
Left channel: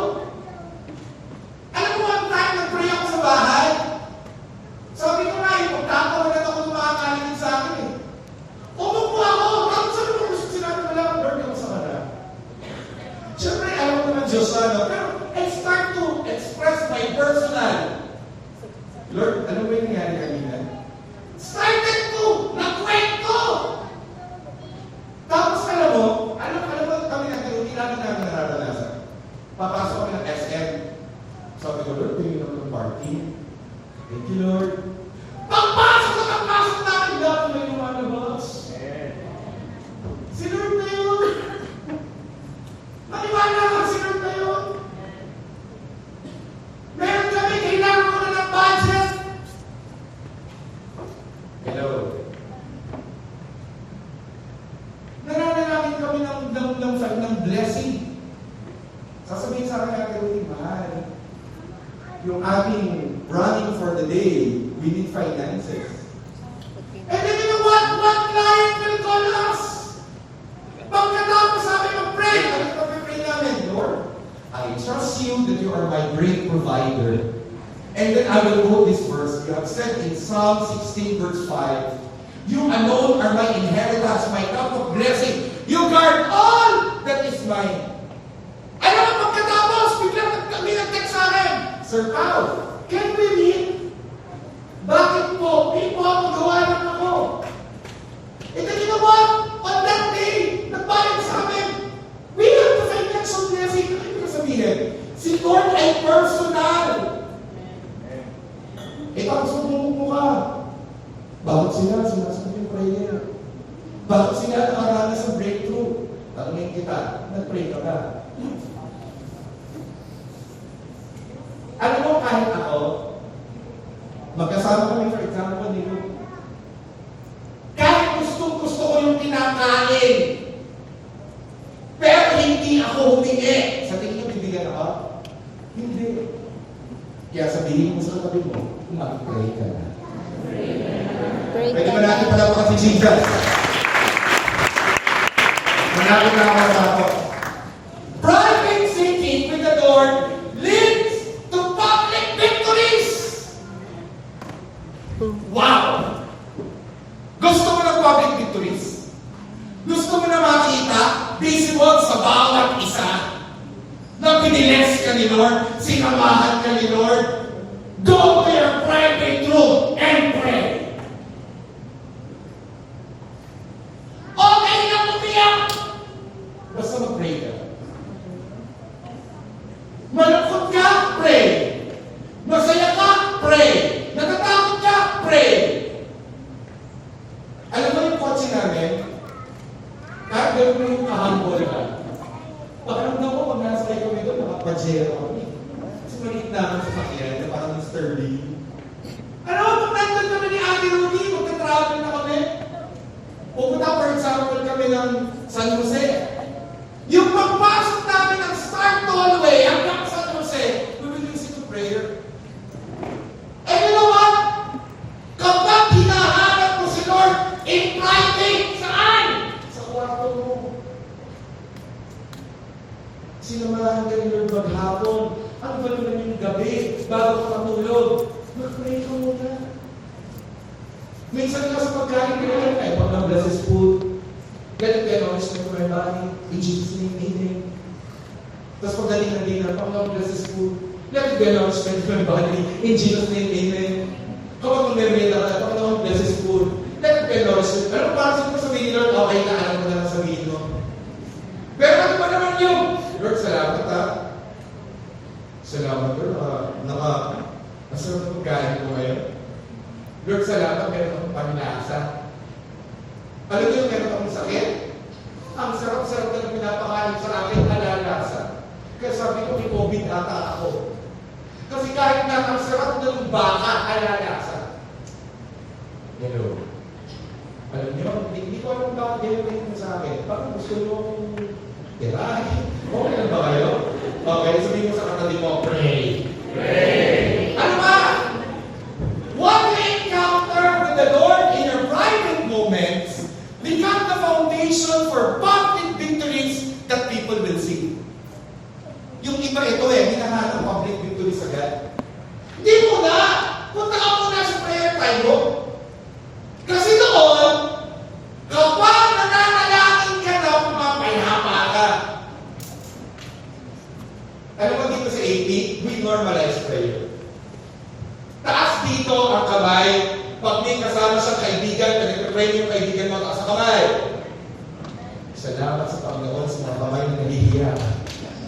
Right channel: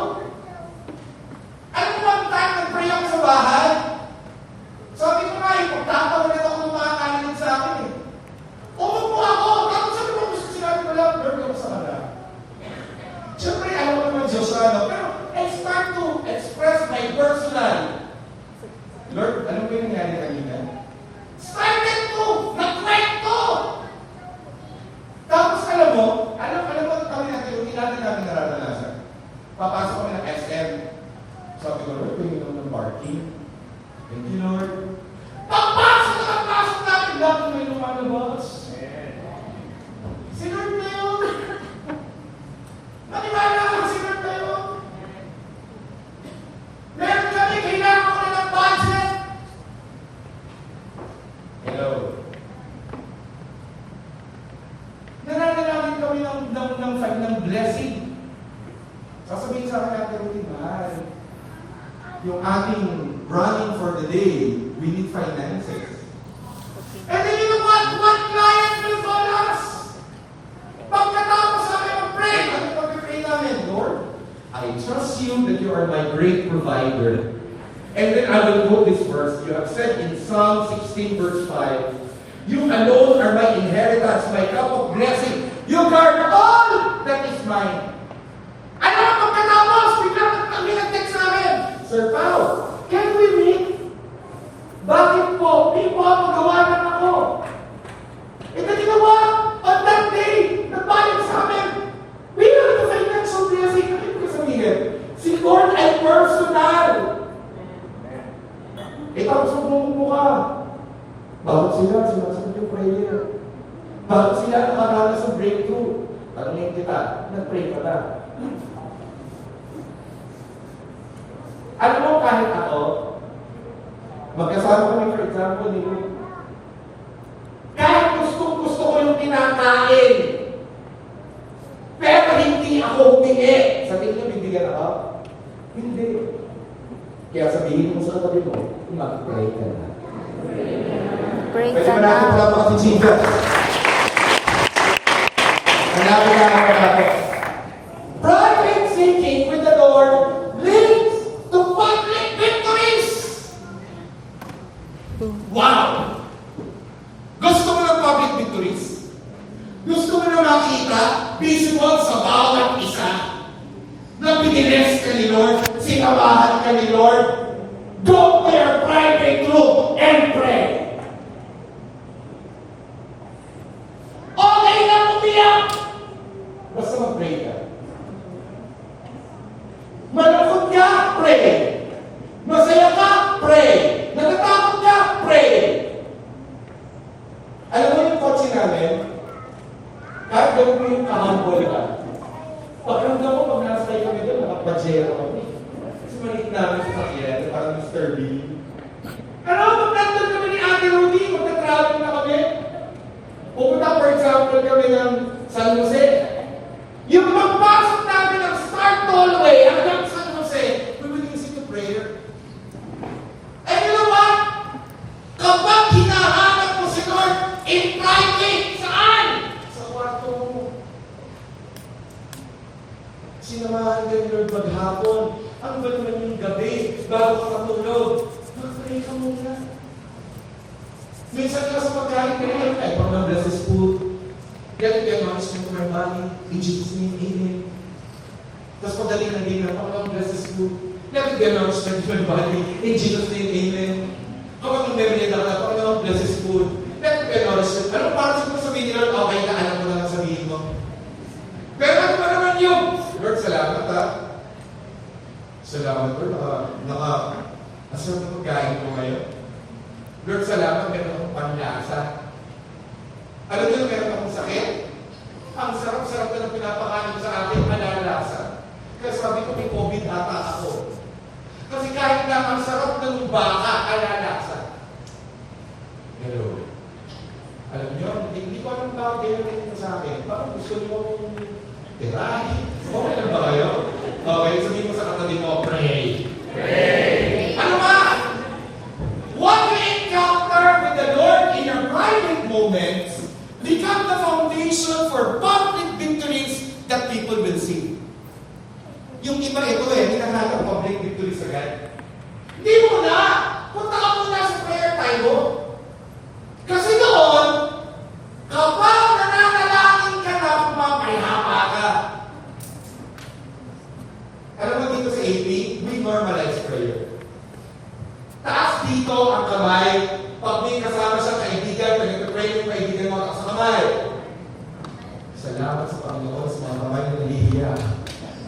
personal. Lord, ano ba yung nangyari kanina? Started to! Nagkwento! Tapos alam mo kami natin, hindi natin nararanasan. Papasok kami ng SM. Sabi ko, Lord, pwede naman ng parking. Thank you, Lord. Pagpasok namin, lahat na yung malabas. Si Lord na yun. Nakimala ako si Lord na yun. Meron kami, kailangan ko na ng budget. Hello. Nananalangin kami ng blessing. Sasabihin sa akin natin, mahal, yung aming running for the day, we need finances. And then you know what client will call us? Pagkatapos namin mag-pray, ano pag-pray namin? Lord, I trust you that you are my great provider. And then I will quote this verse. You have said in Psalm 16 verse 5, you alone are my inheritance, my cup of blessing. You guard all that is mine. Ano, pagkatapos, biglang kami nag-text sa akin, Sir Pao, can we meet? Bakit po? Hindi po ako gawa ng ako. And then you know what? On that day, nagbayad sa amin. We have the financial blessing. Ano yung sabihin? Si Lord ay personal. Tapos magmumukha. Bakit sila sinasagot yung prayer? Bakit sila nakaranas sa breakthrough? Tanungin kita, nag-pray ka na. Alam mo, kahit ako, magkasama kami, for example, kahit gusto ko yung kinakain, pero hindi ako humingi. Sa tingin niyo, bibigyan ako? Hindi. Kaya sabihin mo sa katabi mo, mag-pray ka na. Pray Pwede ka ba natin na. palapakan si Jesus? Malapit na ako. Private seeking with the Lord leads to public victories. Wow! Gusto mo ng public victories? Gusto mo na makita visible sa bawat isa na biniles ka ni Lord, sinawahan ka ni Lord? Go to your private room and pray. Okay lang umiyak. Basta mag-pray ka. Malungkot ka, pray. Masaya ka, pray. Natatakot ka, pray. Alam mo yung coaching namin, kahit gawin mo yung kahambol ka, pakiramdam mo pag nasa tayo kami doon, nakapajera kami. Kasi maliit namin sa sakyan, na parang Mr. Lee. Ano, pag nandun kami ni Ate Rudy, magka-travel na kami. Pupunta, for example, kami ng San Jose. Yung pagpasok namin ng Start Tollway hanggang San Jose, we will listen to prayer. And you know what? Kapag hinahanap mo si Lord in private, saan? Sa kwarto mo. Sinamahan ka ni Lord maghapon. Ang ba naman yung gabi, bago ka matulog? Mag-pray ka muna. Minsan ka sa pagkain ka na, ay, pag na-bless is food. Let it be a nourishment to my body. In Jesus' name, amen. Tapos pagdating ng dinner, pag na-bless is food. Let it be a nourishment to my body. In Jesus' name, amen. Kapag mag-merienda ka na, pag na-bless is food. Let it be a nourishment. Pero parang siguro sabihin ni Lord, okay ka, alam mo na lang sabihin mo. Pero ano ba naman yung, Lord, salamat ha. Salamat Lord, nasarap na pagkain ko ngayon. Lord, salamat, meron akong panlasa. Alam niyo, meron akong sakit? Ang sarap-sarap na pinapakain sa akin, alalasa. Kaya sabi ko, may COVID ata ako. Kasi kahit na ang sarap ng baka, alalasa. Hello. Alam niyo, hindi ko alam bakit ganyan mo sa akin. Bakit gusto mo tirahin? Okay lang ba kayo? Okay, sabihin mo sa katabi mo, pray. Pray. Ano ba? What you encounter with the Lord in your private moments become the foundation for public victories that people will see. Yung iba ito hinahanap public victories agad. Hindi mo na! Punta ka muna sa prayer tayo. Kasi doon, kapag nananalangin ka na, pumapayapa ka. Alam mo dito sa 80, we normalize prayer. ang kamay. Pag may kasama siyang kaibigan, pinag-pray yung kaibigan mo sa kamay. Salamat sa Panginoon sa mga kamay na nahihiya.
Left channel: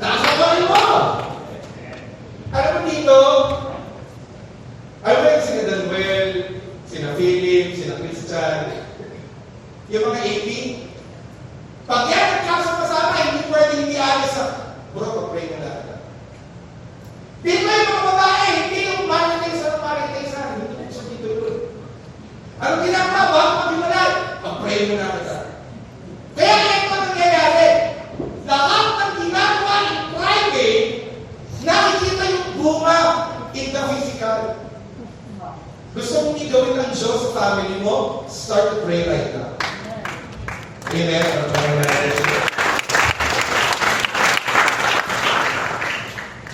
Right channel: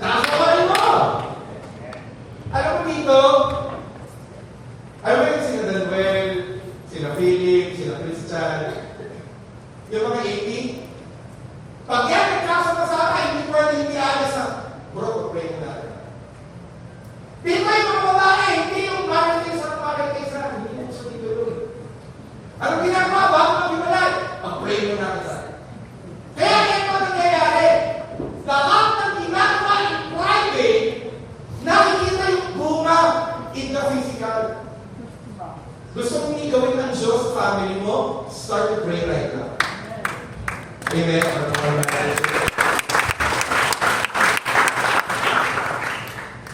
Taas ang kamay mo! Alam mo dito, alam mo yung sina Danuel, sina Philip, sina Christian, yung mga AP, pag yan nagkasama-sama, hindi pwede hindi alis sa bro, pag-pray mo natin. Dito yung mga babae, hindi yung marites sa hindi mo sa dito yun. Anong ginagawa? Bago mag-imalay? Pag-pray mo natin. Kaya ito nangyayari. Lahat ng ginagawa in private, nakikita yung bunga in the physical. Gusto mong igawin ng Diyos sa family mo, start to pray right now. Amen.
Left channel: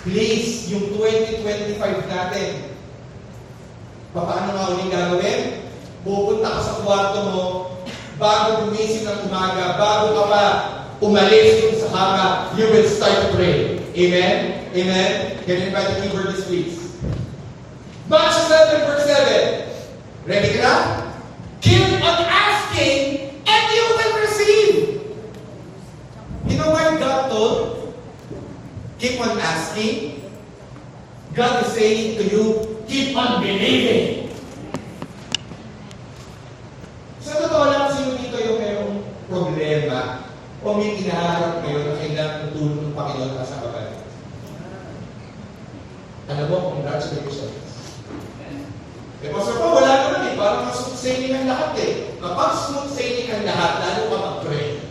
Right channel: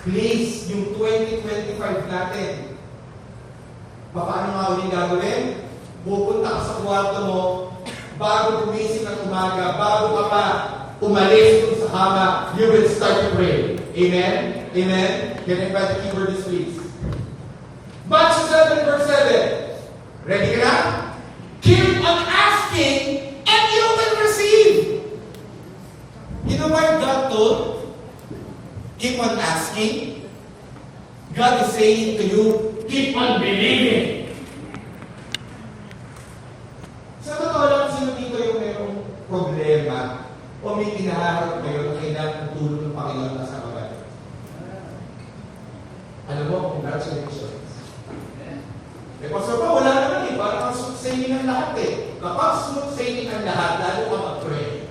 Please, yung 2025 natin, paano nga ulit gagawin? Pupunta ka sa kwarto mo, bago gumising ng umaga, bago ka pa umalis dun sa kama, you will start to pray. Amen? Amen? Can I invite the keyboardist, please? Matthew 7, verse 7. Ready ka na? Keep on asking, and you will receive. You know why God told? Keep on asking. God is saying to you, keep on believing. Sa totoo lang, sino dito yung mayroong problema o may hinaharap ngayon na kailangan ng tulong ng Panginoon na sa kabal? Alam mo, congratulations. Eh, Pastor pa, wala naman eh. Parang smooth sailing ang lahat eh. Kapag smooth sailing ang lahat, lalo ka mag-pray.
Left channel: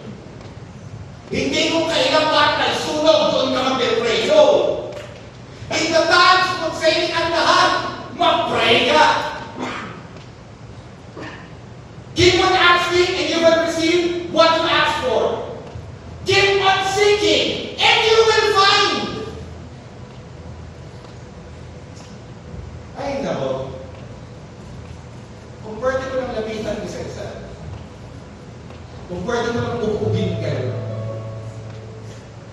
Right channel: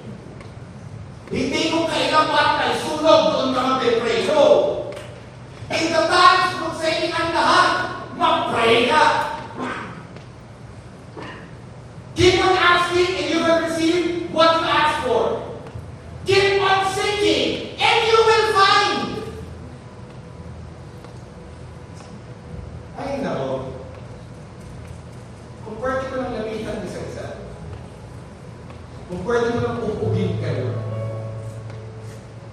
Hindi kung kailan ba ay sunog, doon ka mag-pray. No. In the times kung sailing ang lahat, mag-pray ka. Keep on asking and you will receive what you ask for. Keep on seeking and you will find. Ay, nako. Kung pwede ko lang lamitan isa-isa. Kung pwede mo lang pupugin kayo.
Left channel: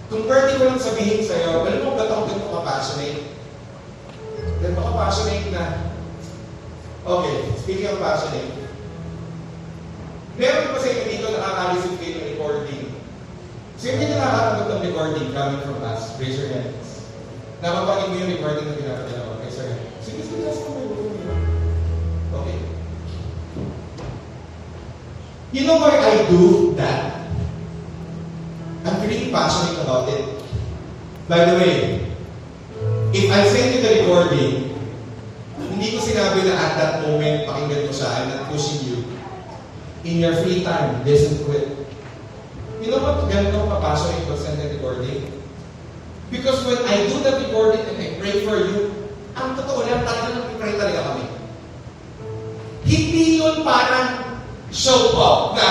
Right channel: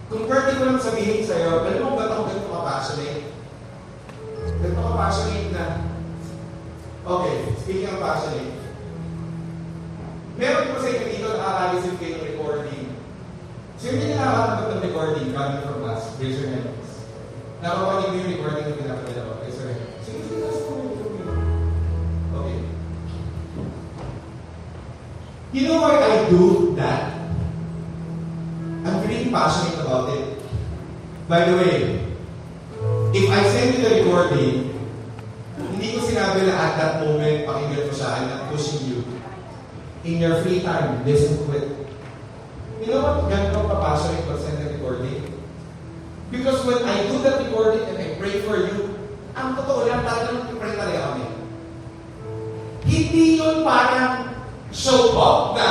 Kung pwede ko lang sabihin sa'yo, alam mo ba't ako ganito ka-passionate? Ganito ka-passionate na, okay, speaking of passionate, meron ko sa inyo dito nakaka-receive kayo ng recording. Sino hindi nakakatanggap ng recording coming from us? Raise your hands. Napapanig mo yung recording na pinapadala ko. Raise your hands. Sige, okay. You know why I do that? I'm really passionate about it. By the way, if I send you the recording, hindi ko sinabi na at that moment, pakinggan ko siya, I'm not pushing you. In your free time, listen to it. You know what? Ganito pa-passionate ko send the recording? Because when I do that recording and I pray for you, ang totoo lang, talaga nag-pray talaga kami. Hindi yun parang show off na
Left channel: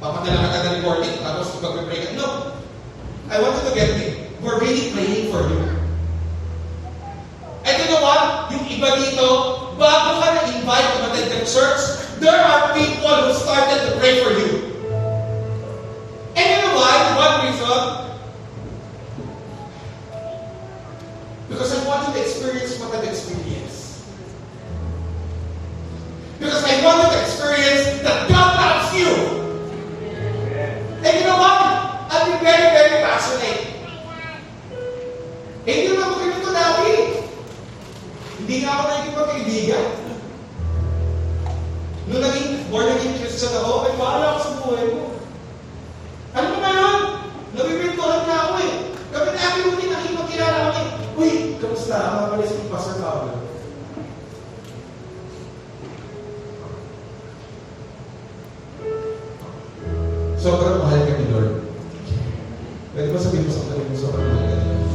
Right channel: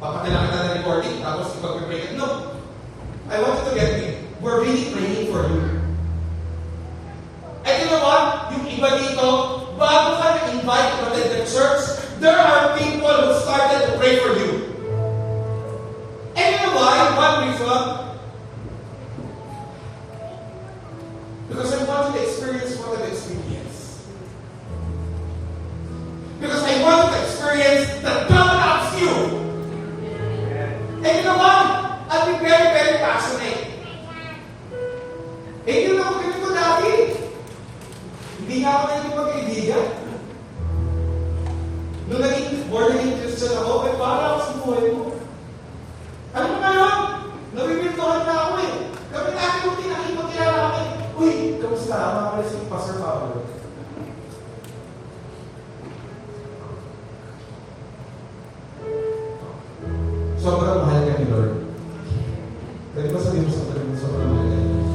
papadala ka ng recording, tapos ipag-pray ka. No. I want you to get me. We're really praying for you. And you know what? Yung iba dito, bago ka na-invite to attend the church, there are people who started to pray for you. And you know why? One reason? Because I want you to experience what I've experienced. Because I want you to experience that God loves you. And you know what? I've been very, very passionate. Eh, hindi na ako ganito dati. Hindi na ako naging magkaibigan. Nung born again Christian ako, may bahala ako sa buhay mo. Ano ba ngayon? Nabibintuhan na ako eh. Kami natin yung pinakipagkilala kami. Uy, kamusta? Makalis yung Pastor Paolo. Sobrang mahal ka ni Lord. Pwede ba sabihin mo sa tabi mo, sobrang mahal ka ni Lord?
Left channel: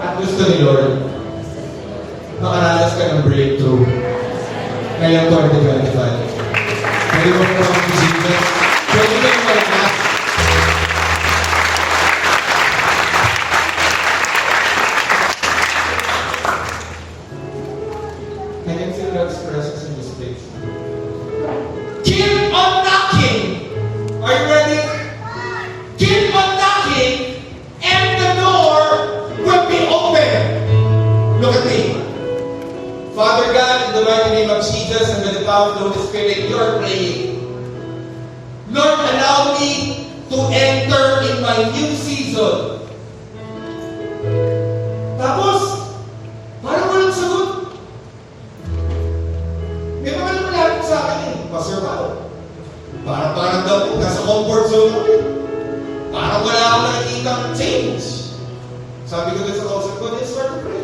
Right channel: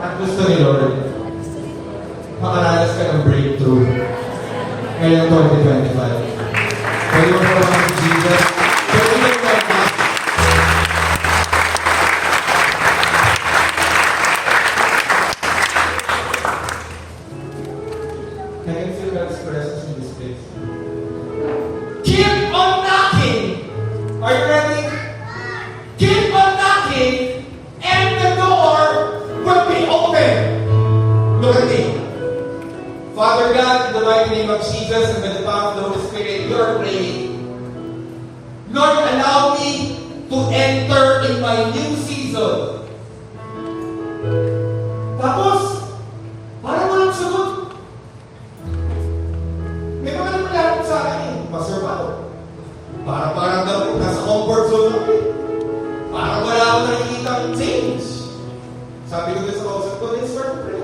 At gusto ni Lord, makaranas ka ng breakthrough ngayong 2025. Pwede mo ba ang Jesus? Pwede mo ba ang I can feel God's presence in this place. Keep on knocking! Are you ready? Keep on knocking and the door will be open. Look at me. Father God, power of the Holy Spirit, you're praying, Lord, allow me to enter in my new season. Tapos, parang walang sagot. May mga lumalapit sa akin eh, Pastor Pao. Parang daw po, nasa comfort zone ako eh. Parang wala akong nakikita change. Sabi ko din sa kausap ko, let's start to pray.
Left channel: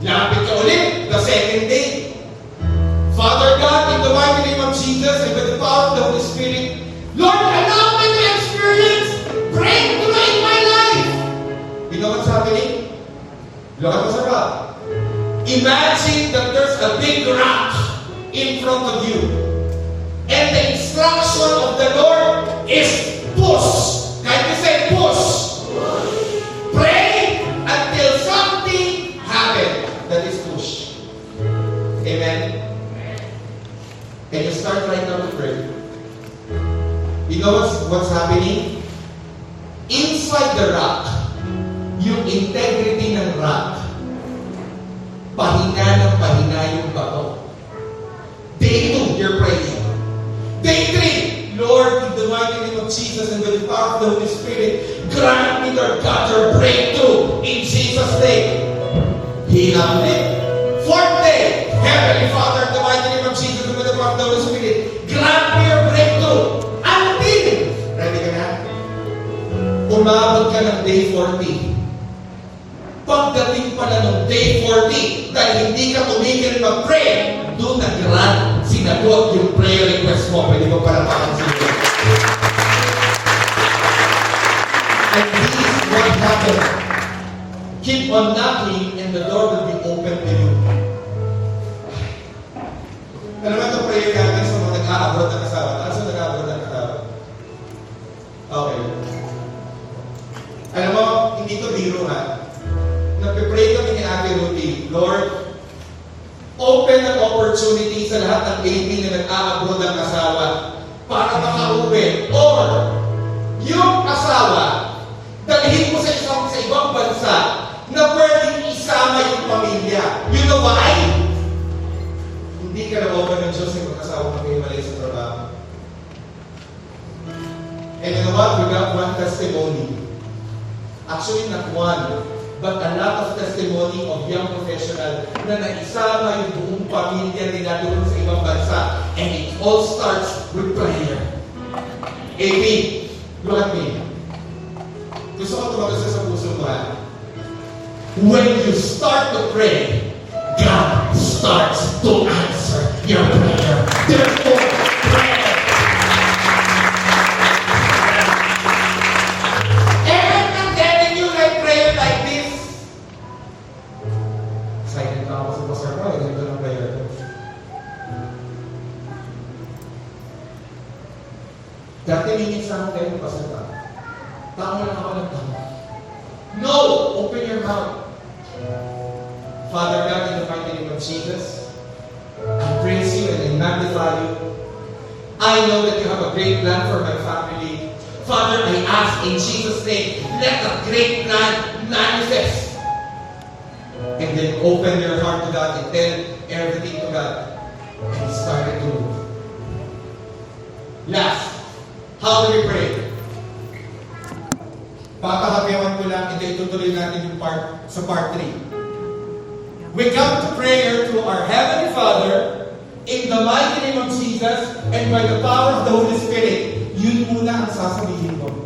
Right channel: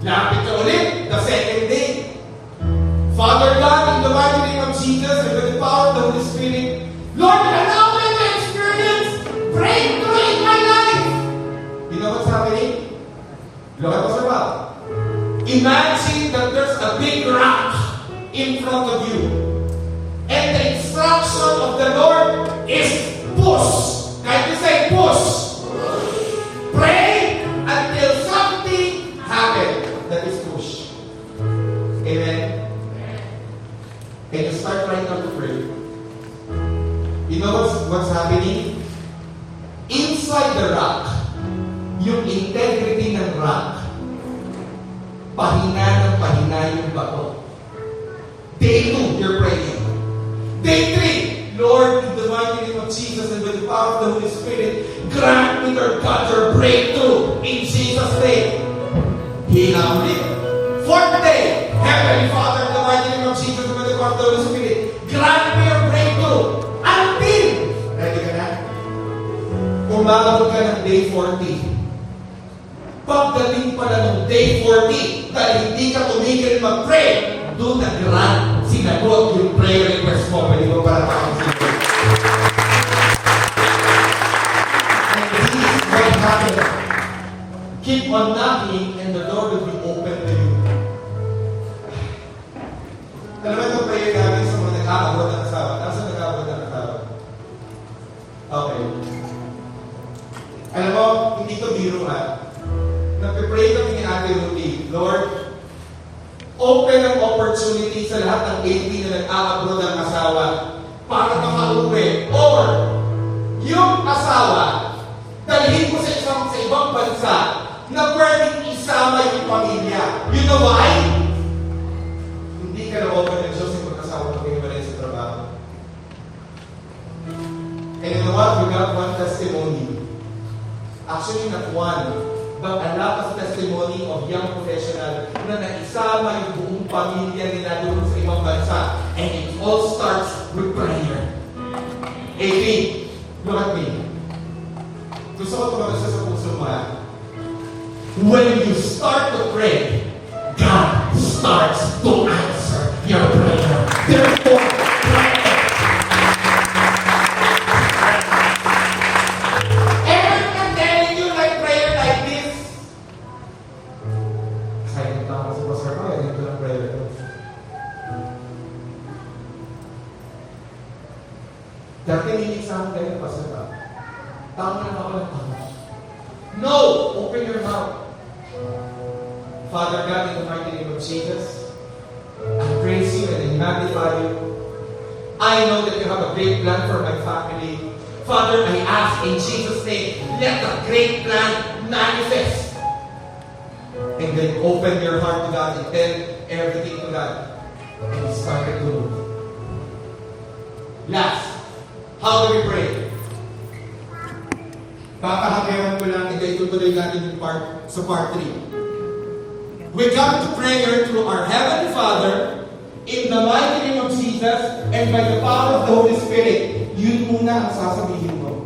Lapit ka ulit, the second day. Father God, in the mighty name of Jesus, and with the power of the Holy Spirit, Lord, allow me to experience breakthrough in my life. You know what's happening? Look at Pastor Bob. Imagine that there's a big rock in front of you. And the instruction of the Lord is push. Can you say push? Pray until something happens. That is push. Amen? And you start right now to pray. You know what's happening? Inside the rock, yung integrity ng rock, pahina ng pahina yung bato. Day 2, you're praying. Day 3, Lord, in the mighty name of Jesus and with the power of the Holy Spirit, grant me, Lord God, your breakthrough in Jesus' name. Hila ulit. 4th day, Heavenly Father, in the mighty name of Jesus and with the power of the Holy Spirit, grant me your breakthrough until, ready ka na? Umabot ka ng day 40. Pagdating pala ng day 40, dahil hindi ka tumigil mag-pray, doon nag-grant, sinagot yung prayer request mo. Pwede mo para takin and this is what happened. Keep on knocking and the door will be open to you. Alam mo itong prayer natin sa mga nag-a-abroad ng asawa. Ano sa nag-a-abroad ng asawa? Okay. Alam mo, hindi ito biro ha. Nagpipray kami ni Ate Ruthie, Lord, open ang opportunity sa lahat ng baby na nag-a-abroad ng asawa para makauwi. Or, yung asawa, dalhin mo sa ibang bansa na pwedeng isama yung pamilya. You know why? Hindi ka na-open ng Diyos yung mag-asawa na pinalay sa trabaho. And you know what? We got one testimony. Actually, not one. But a lot of testimony of young professional na naisama yung buong pamilya nila doon sa ibang bansa. And it all starts with prayer. AB, look at me. Gusto ko tumagal sa puso mo ha. When you start to pray, God starts to answer your prayer. Therefore, pray. Pastor, Pastor Bob. Tama lang ako ng tama. No! Open your mouth. Father God, in the mighty name of Jesus, I praise you and I magnify you. I know that you have a great plan for my family. Father, I ask in Jesus' name, let that great plan manifest. And then open your heart to God and tell everything to God. And start to move. Last, how do we pray? Papahabiwan ko lang, hindi tutuloy natin yung part 3. We come to prayer to our Heavenly Father in the mighty name of Jesus and by the power of the Holy Spirit. Yun muna ang sasabihin mo.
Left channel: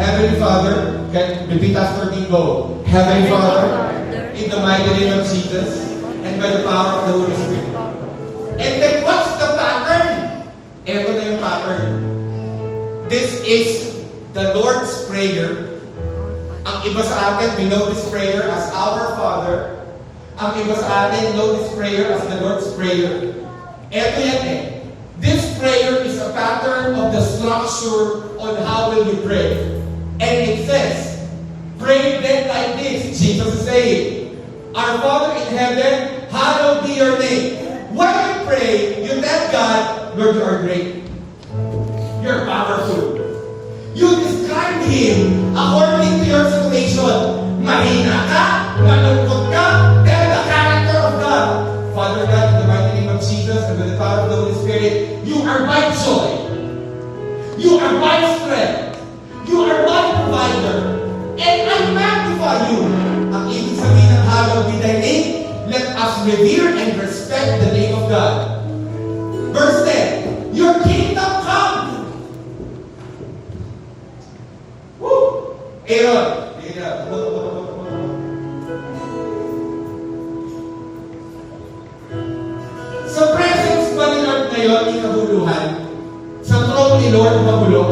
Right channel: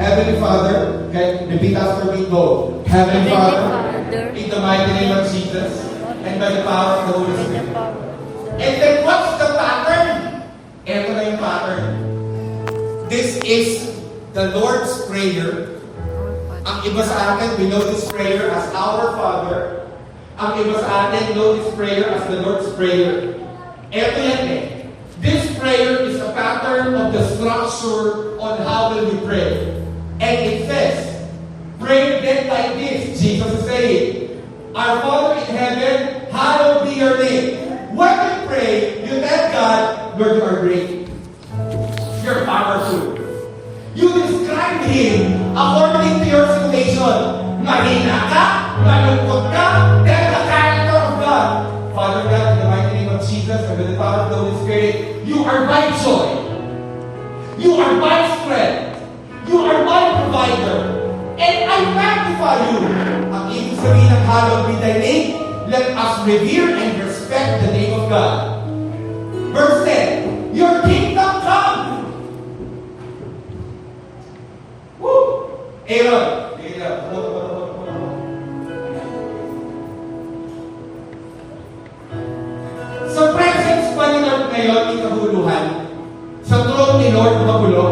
Heavenly Father, repeat after me, go. Heavenly Father, in the mighty name of Jesus and by the power of the Holy Spirit. And then what's the pattern? Ito na yung pattern. This is the Lord's Prayer. Ang iba sa atin, we know this prayer as Our Father. Ang iba sa atin, know this prayer as the Lord's Prayer. Ito yan eh. This prayer is a pattern of the structure on how will we pray. And it says, pray then like this. Jesus is saying, Our Father in heaven, hallowed be your name. When you pray, you tell God, Lord, you are great. You're powerful. You describe Him according to your situation. Mahina ka, malungkot ka, tell the character of God. Father God, in the mighty name of Jesus, my strength. You are my provider. And I magnify you. Ang ibig sabihin ng hallowed be thy name, let us revere and respect the name of God. Verse 10, your kingdom come. Woo! Aaron. Sa presence ba ni Lord ngayon, ni kahuluhan? Sa throne ni Lord, magulo?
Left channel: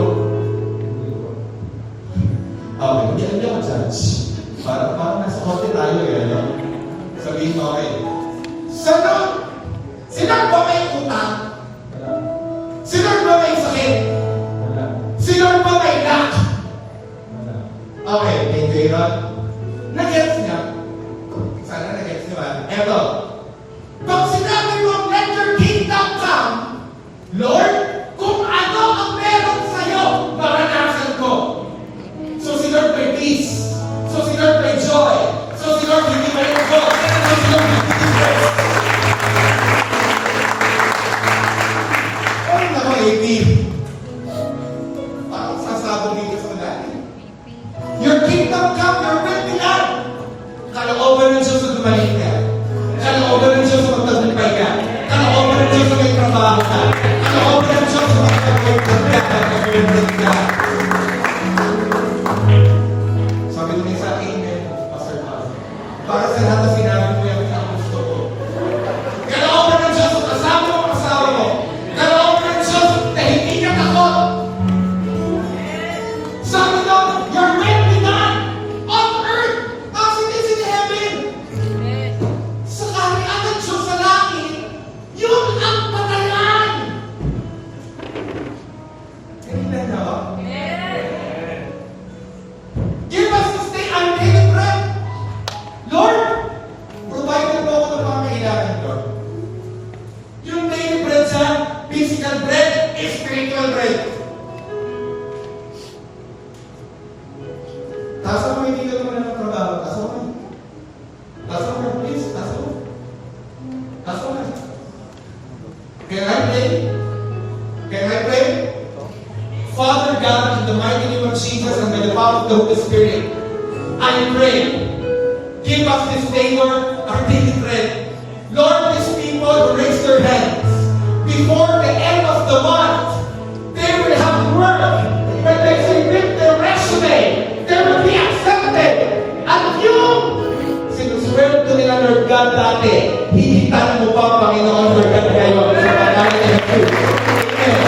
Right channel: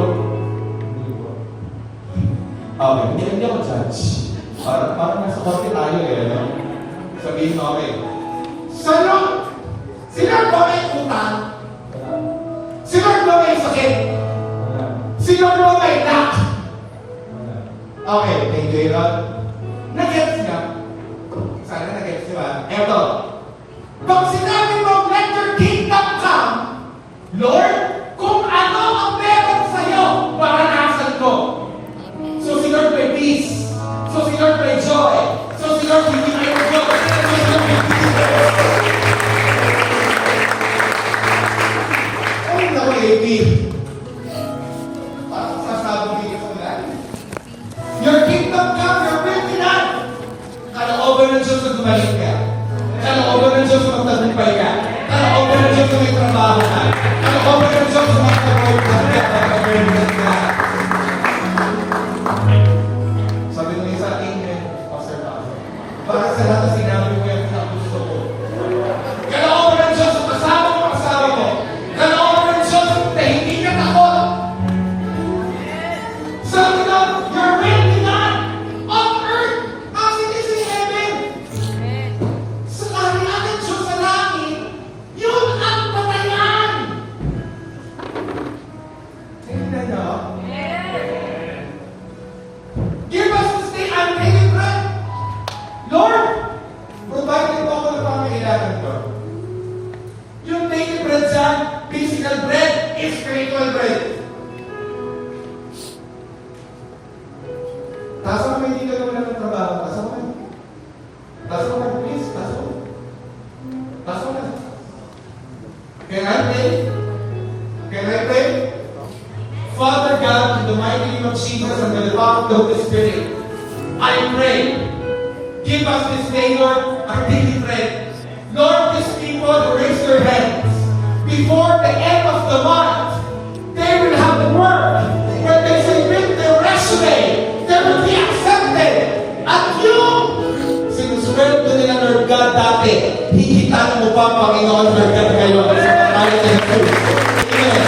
Okay, hindi ako judge. Parang nasa kote tayo eh, ano? Sabihin ko, okay. Sa Lord, si Lord ba may utang? Si Lord ba may sakit? Si Lord ba may lack? Okay, thank you, Aaron. Nag-gets niya? Sana nag-gets niyo ba? Eto. Pag sinabi mo, let your kingdom come, Lord, kung ano ang meron sa'yo, maranasan ko. So si Lord may peace. So si Lord may joy. So si Lord hindi may joy. So si Lord may ay, naku, AP. Parang sasabog dito sa mga. Your kingdom come, your will be done. Kalooban ng Diyos na dumalik ka. Kalooban ng Diyos na magtagumpay ka. Kalooban ng Diyos na may trabaho ka. Kalooban ng Diyos na magtagumpay ka. Sabi nyo sa akin, Pastor Pastor, para sa lahat na sinabi mo yung gusto ko. Kalooban ng Diyos na kasama mo. Kalooban ng Diyos na hindi ka takot. Sabi nyo, your will be done on earth as it is in heaven. Sa kaharian ng Diyos sa langit, yun ang patayan. Hindi na. Give us this day our daily bread. Lord, provide mo ako ng pangangailangan ko. Yung daily bread sa physical bread is spiritual bread. Taso mo hindi ka naman ng trabaho. Taso mo. Taso mo, please. Taso mo. Taso mo. Can I pray? Can I pray? Father God, in the mighty name of Jesus and by the power of the Holy Spirit, I pray, give us this day, Lord, our daily bread. Lord, these people raise their hands. Before the end of the month, they will have work. When they submit their resume, they will be accepted. At yung sinusweldo nila, Lord God, dati, hihitan mo pa, Panginoon, Lord God, ngayon, sa pangalan ni Jesus. Amen.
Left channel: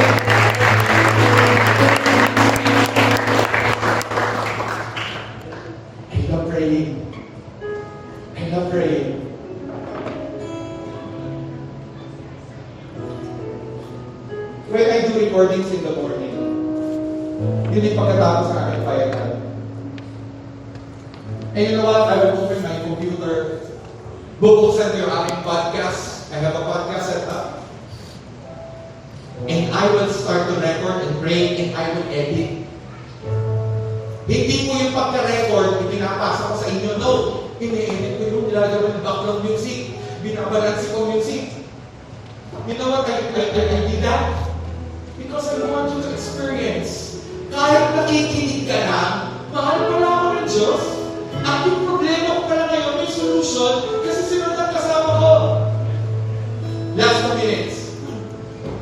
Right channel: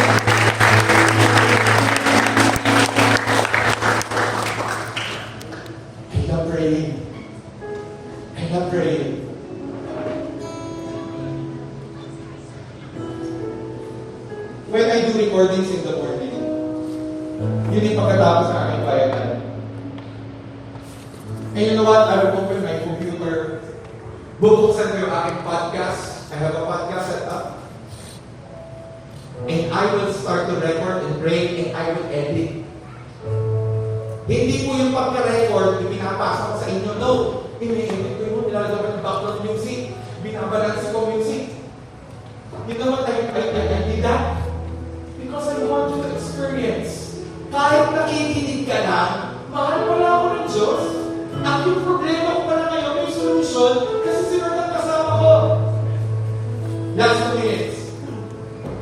I love praying. When I do recordings in the morning, yun yung pagkatapos sa aking quiet time. And you know what? I will open my computer, bubuksan ko yung aking podcast. I have a podcast set up. And I will start to record and pray and I will edit. Hindi po yung pagka-record, pinapasa ko sa inyo. No, ini-edit ko yung nilalagyan ng background music, binabalansi ko music. You know what? I did that because I want you to experience. Kahit nakikinig ka na, mahal pala ako ng Diyos. At yung problema ko pala ngayon, may solution kasi sino ang kasama ko. Last 2 minutes.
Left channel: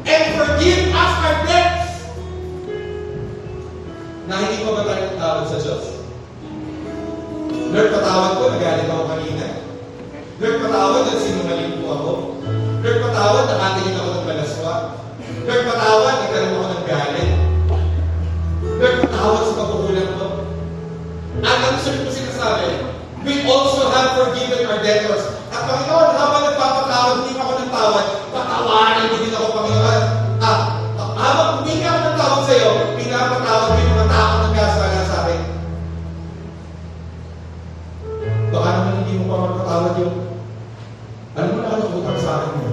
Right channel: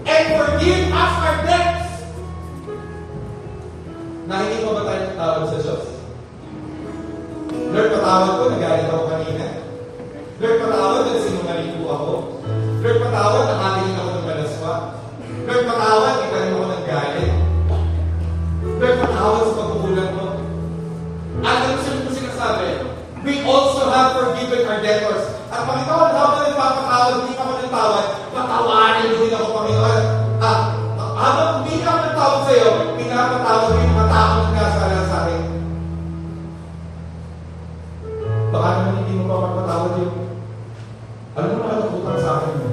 And forgive us our debts. Nakinig pa ba tayo ng tawad sa Diyos? Lord, patawad ko, nagalit ako kanina. Lord, patawad, nagsinungaling po ako. Lord, patawad, nakagaling ako ng malaswa. Lord, patawad, nagkaroon ako ng galit. Lord, patawad sa pagkukulang ko. At ang sunod ko sinasabi, we also have forgiven our debtors. At Panginoon, habang nagpapatawad, hindi ako nagtawad, patawanin mo din ako, Panginoon. At habang hindi ako nagtawad sa iyo, pinapatawad mo yung mga taong nagkasala sa akin. Baka naman hindi mo pa magpatawad yung alam mo na utang sa akin mo.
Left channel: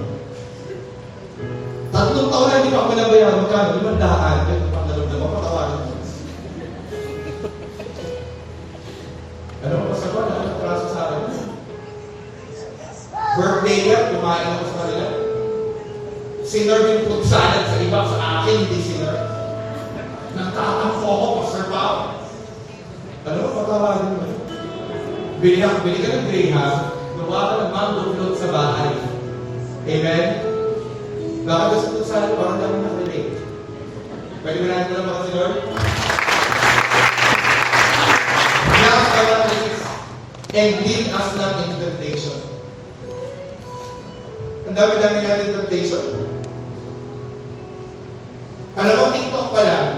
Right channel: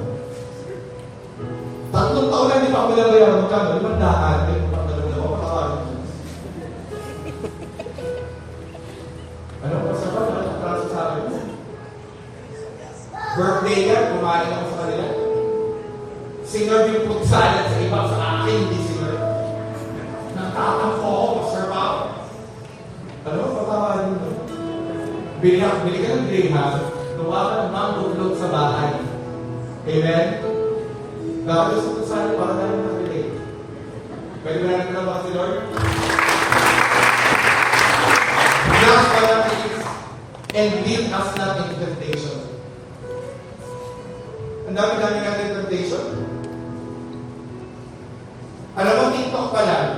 3 taon na hindi pa ako nabayaran. Magkano? 500. Patawarin mo. Ano ba sa ba? Nakakatraso sa akin mo. Birthday yan, kumain ako sa kanila. Sinerve yung food salad sa iba, sa akin, hindi sinerve. Bili ka ng Graham, gawa ka ng mango float sa bahay. Amen? Baka gusto ko sa baka naman nakalate. Pwede ba natin na baka si Lord? Bless our needs and lead us not in temptation. Ang dami-dami natin temptation. Alam mo, TikTok pa lang.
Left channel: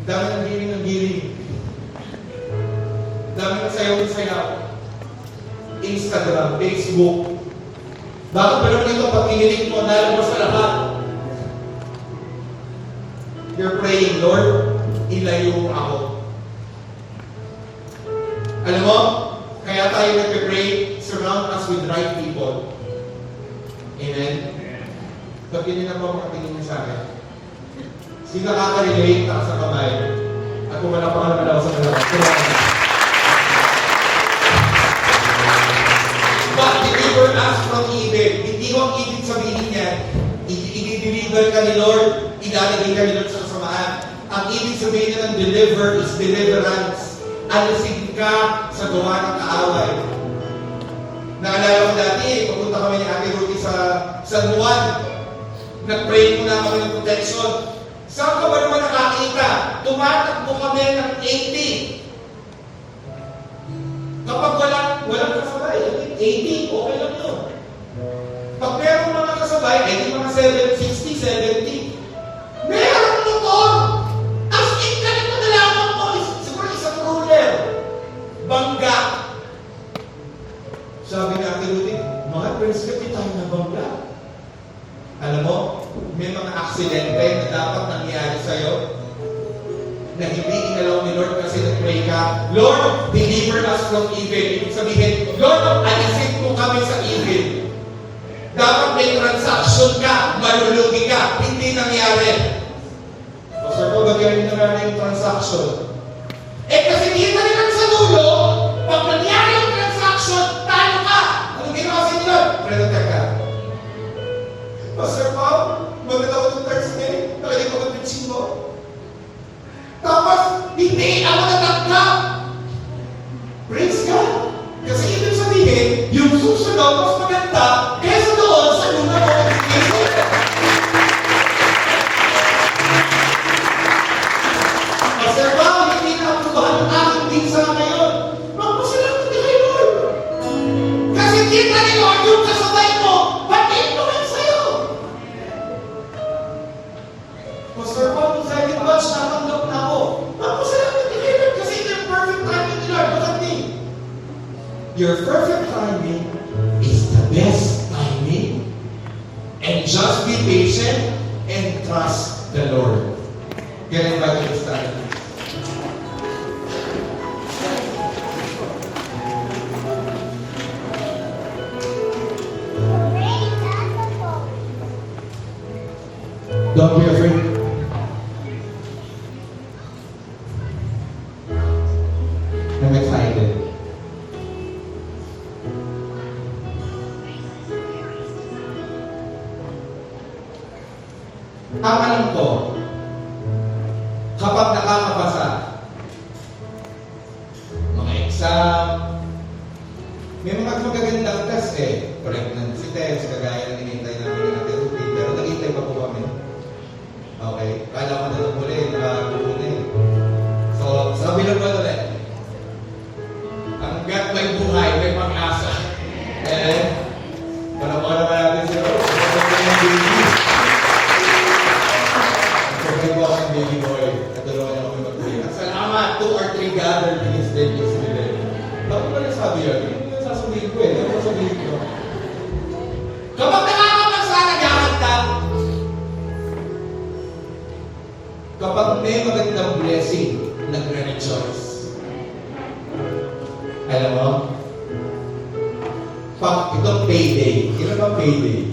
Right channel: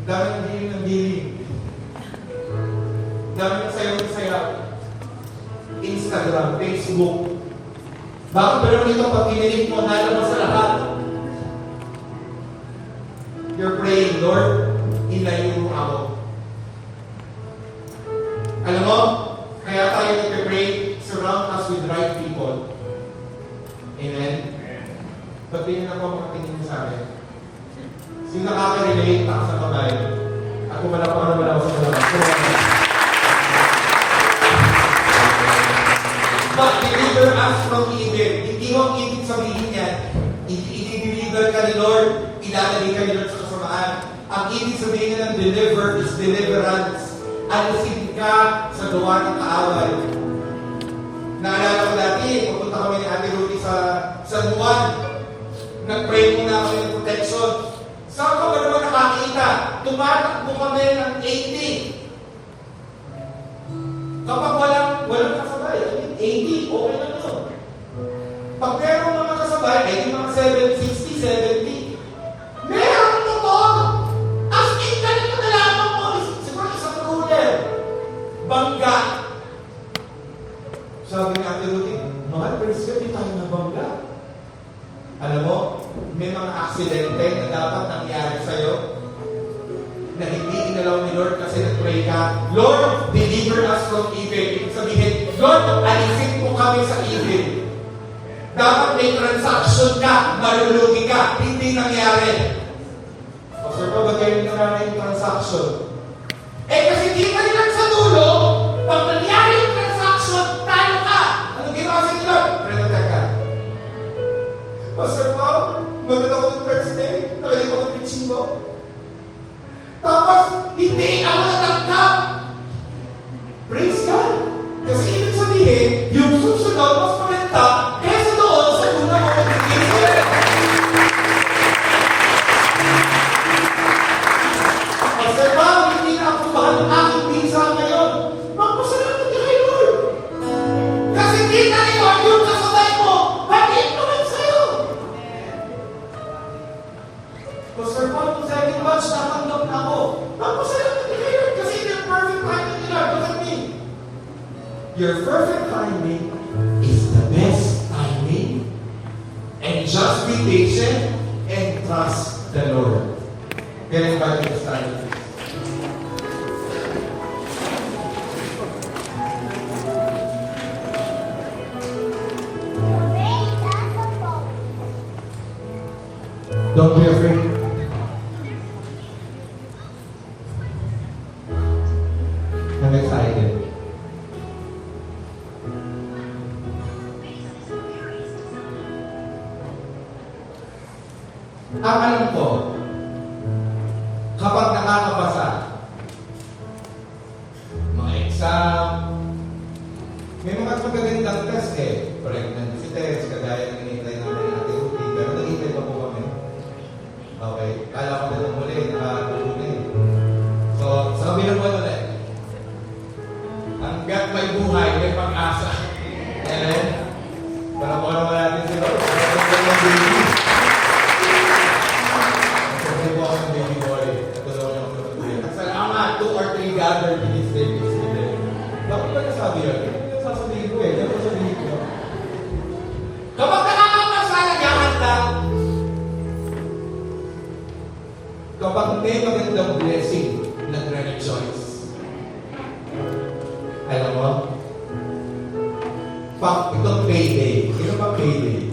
Ang dami ng giling. Ang dami ng sayaw. Instagram, Facebook. Baka pero nito pag pinilig mo, dahil mo sa lahat. You're praying, Lord, ilayo mo ako. Alam mo, kaya tayo nagpe-pray, surround us with right people. Amen? Pagpili na po ang patingin niyo sa akin. Sino nakaka-relate ako sa kamay? At kung wala pa naman ako sa kamay. But deliver us from evil. Hindi mo ang ibig sabihin niya, i-deliver ka ni Lord, ilalagay ka ni Lord sa kasamaan. Ang ibig sabihin niya ng deliver is deliverance. Alisin ka sa gawa ng kaaway. Naalala ko dati, pupunta kami ni Ate Rudy sa San Juan. Nag-pray muna kami ng protection. Saan ka ba naman nakakita? Tumatakbo kami ng 80. Kapag walang kasabay, 80, okay lang yun. Pag meron mga kasabay, mga 60, 70. Meron motor! As in, ganito na lamang mo. Siguro isang ruler. Bangga. Sabi ni Ate Rudy, mga girls ka, di tayo na bangga. Alam mo, may mga aksidente na dapat nangyari sa'yo na hindi inalaw ni Lord kasi nag-pray ka. Lord, deliver us from evil. Ibig sabihin, Lord, alisin mo kami sa evil. Dapat may transaction ka, malulugi ka, hindi nangyari. Pastor ko, bagayin na natin yung transaction. Kasi dito naman sa dulo, pag nangyari yung transaction, talo ka. Anong ginawa sa Lord? Prenotek ka. Pastor Paul, maganda ko ng Thursday, nalagay ko ng pitching mo. Tapos, hindi ako natanggap. Praise God. Kasi ibig sabihin, yung susunod mas maganda kaysa doon sa luna mo ng Jesus. Pastor Paul, hindi na aprobahan ng aking pinsa ngayon. Magpasalamat ka kay Lord. Kasi kita ni Lord yung kasabay mo, pag-influence sa'yo. Pastor Paul, kung sa'yo yung batch, natanggap na ako. Magpasalamat ka kay Lord kasi yung perfect timing ni Lord. Look at me. Your perfect timing is the best timing. And just be patient and trust the Lord. Get invited to stand. Don't be afraid. I'm excited. Ang alam ko, kapag nakakabasa, mga exam, may mga magagandang test pregnancy test, kagaya ng inintay namin ng Ate Rudy, pero nag-intay pa po kami. Okay? Kala ko na lang muli, nakakagulo na eh. So, sabi lang po ulit, hanggat may buhay, may pag-asa. Para natin si Lord. Pagkain po ako ng baby boy, natulungan ako ng mag-uwi. At salamat, 2 or 3 gathered in His name, His name. Bakit ba nasabi yun? Hindi yung sasabihin ko eh. Dapat sabihin ko. Kapag nakakapagsa, naghahanda. Kapag may magandang blessing, nagre-rejoice. Alam mo? Pag itong payday, ito ba payday?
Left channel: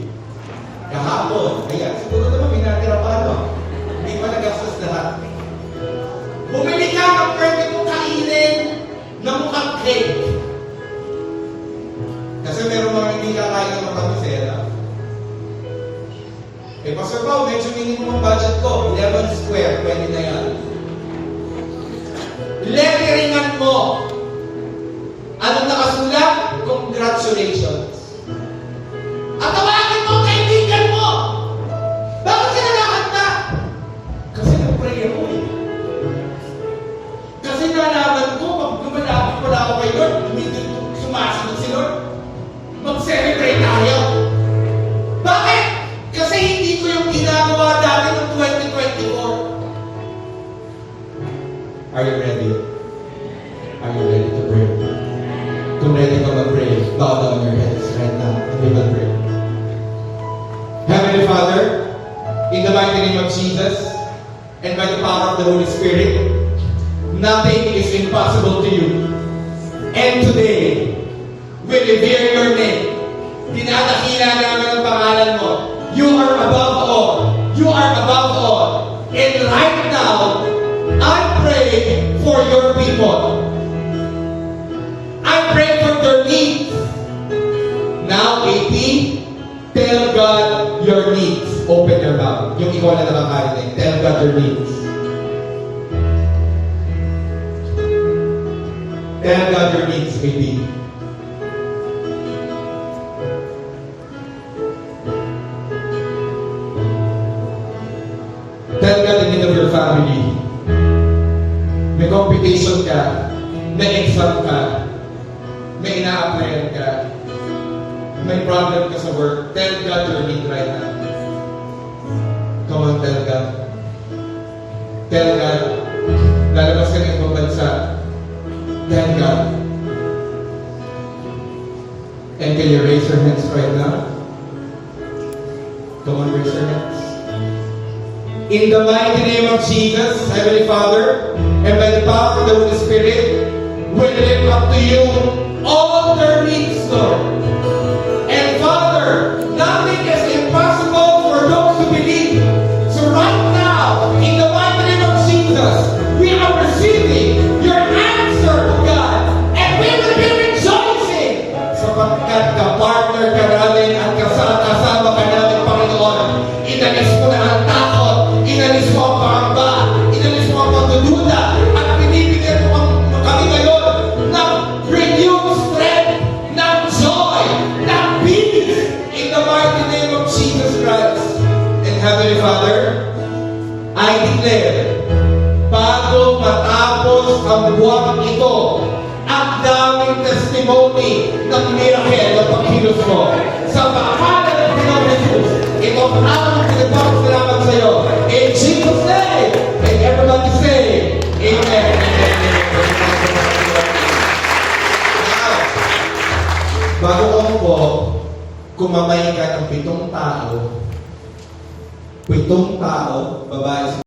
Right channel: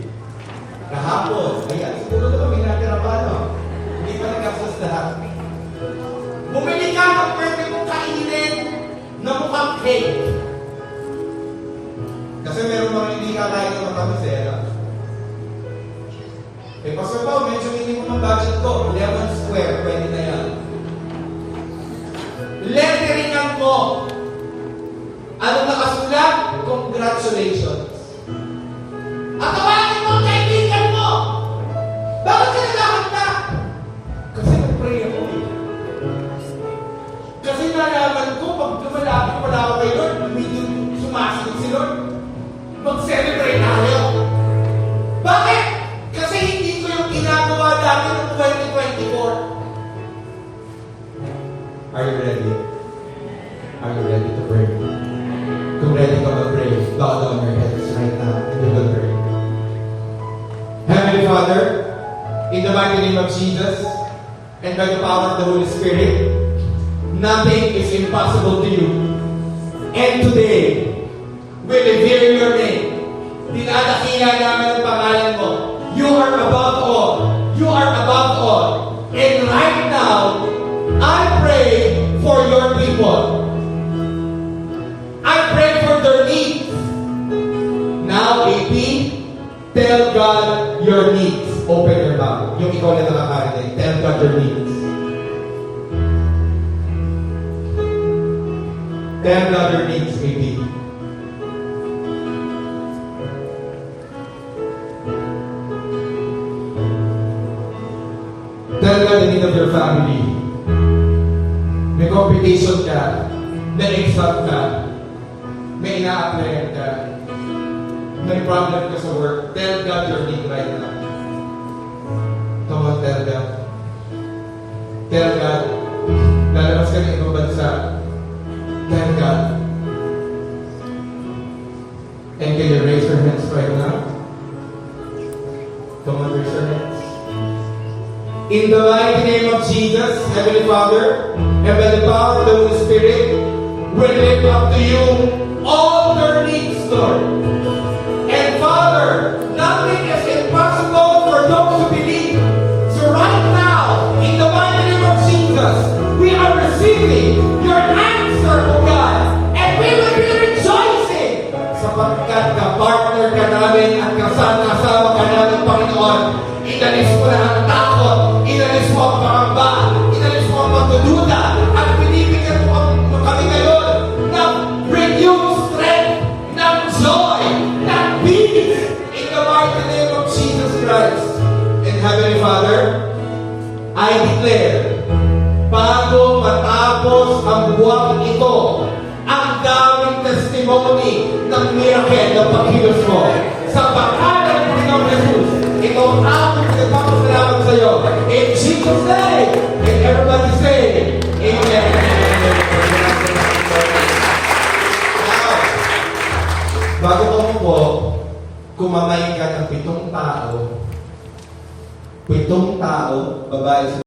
Kahapon, ayan, siguro naman may natira pa, no? Hindi pa nagastos lahat. Bumili ka ng pwede mong kainin na mukhang cake. Kasi meron mga hindi kakain ng matamis Pastor Pao, medyo minimum ang budget ko. 11 square, pwede na yan. Letteringan mo congratulations. At tawagin mo ang kaibigan mo. Bakit ka nagkakanta? Kasi nag-pray ako eh. Kasi nalaman ko, pag lumalapit pala ako kay Lord, sumasagot si Lord. Mag-celebrate tayo. Bakit? Kasi hindi ko yung ginagawa dati ng 2024. Are you ready? Are you ready to pray? Kung ready ka mag-pray, bow down your heads right now and we will pray. Heavenly Father, in the mighty name of Jesus, and by the power of the Holy Spirit, nothing is impossible to you. And today, we revere your name. Dinadakila namin ang pangalan mo. You are above all. You are above all. And right now, I pray for your people. I pray for their needs. Now, AP, tell God your needs. Open your mouth. Yung ikaw na nakakarinig. Tell God your needs. Tell God your needs, AP. Tell God the need of your family. May competition ka, may exam ka, may ina-applyan ka, may problem ka sa work. Tell God your need right now. Come on, tell God. Tell God. Lalabas ka ng ibang bansa. Tell God. And can you raise your hands right now? Come on, raise your hands. In the mighty name of Jesus, Heavenly Father, and by the power of the Holy Spirit, we lift up to you all their needs, Lord. And Father, nothing is impossible for those who believe. So right now, in the mighty name of Jesus, we are receiving your answer, O God, and we will be rejoicing sapagkat ka-partner ka namin at kasama ka namin, Panginoon. Inalis mo na ang takot, inalis mo ang pangamba, inalis mo ang pagdududa, at binibigyan mo kami ngayon ng renewed strength, ng joy, ng peace, in the mighty name of Jesus Christ. And Heavenly Father, I declare, bago matapos ang buwang ito, ang daming testimony ng miracle na pagkilos mo. Sa pangalan ng Panginoong Jesus, ito ang aming pinagpapasalamat sa iyo. In Jesus' name, and everybody say, Amen. Bago ko po, kumamay ka ng 7 tao, babae sa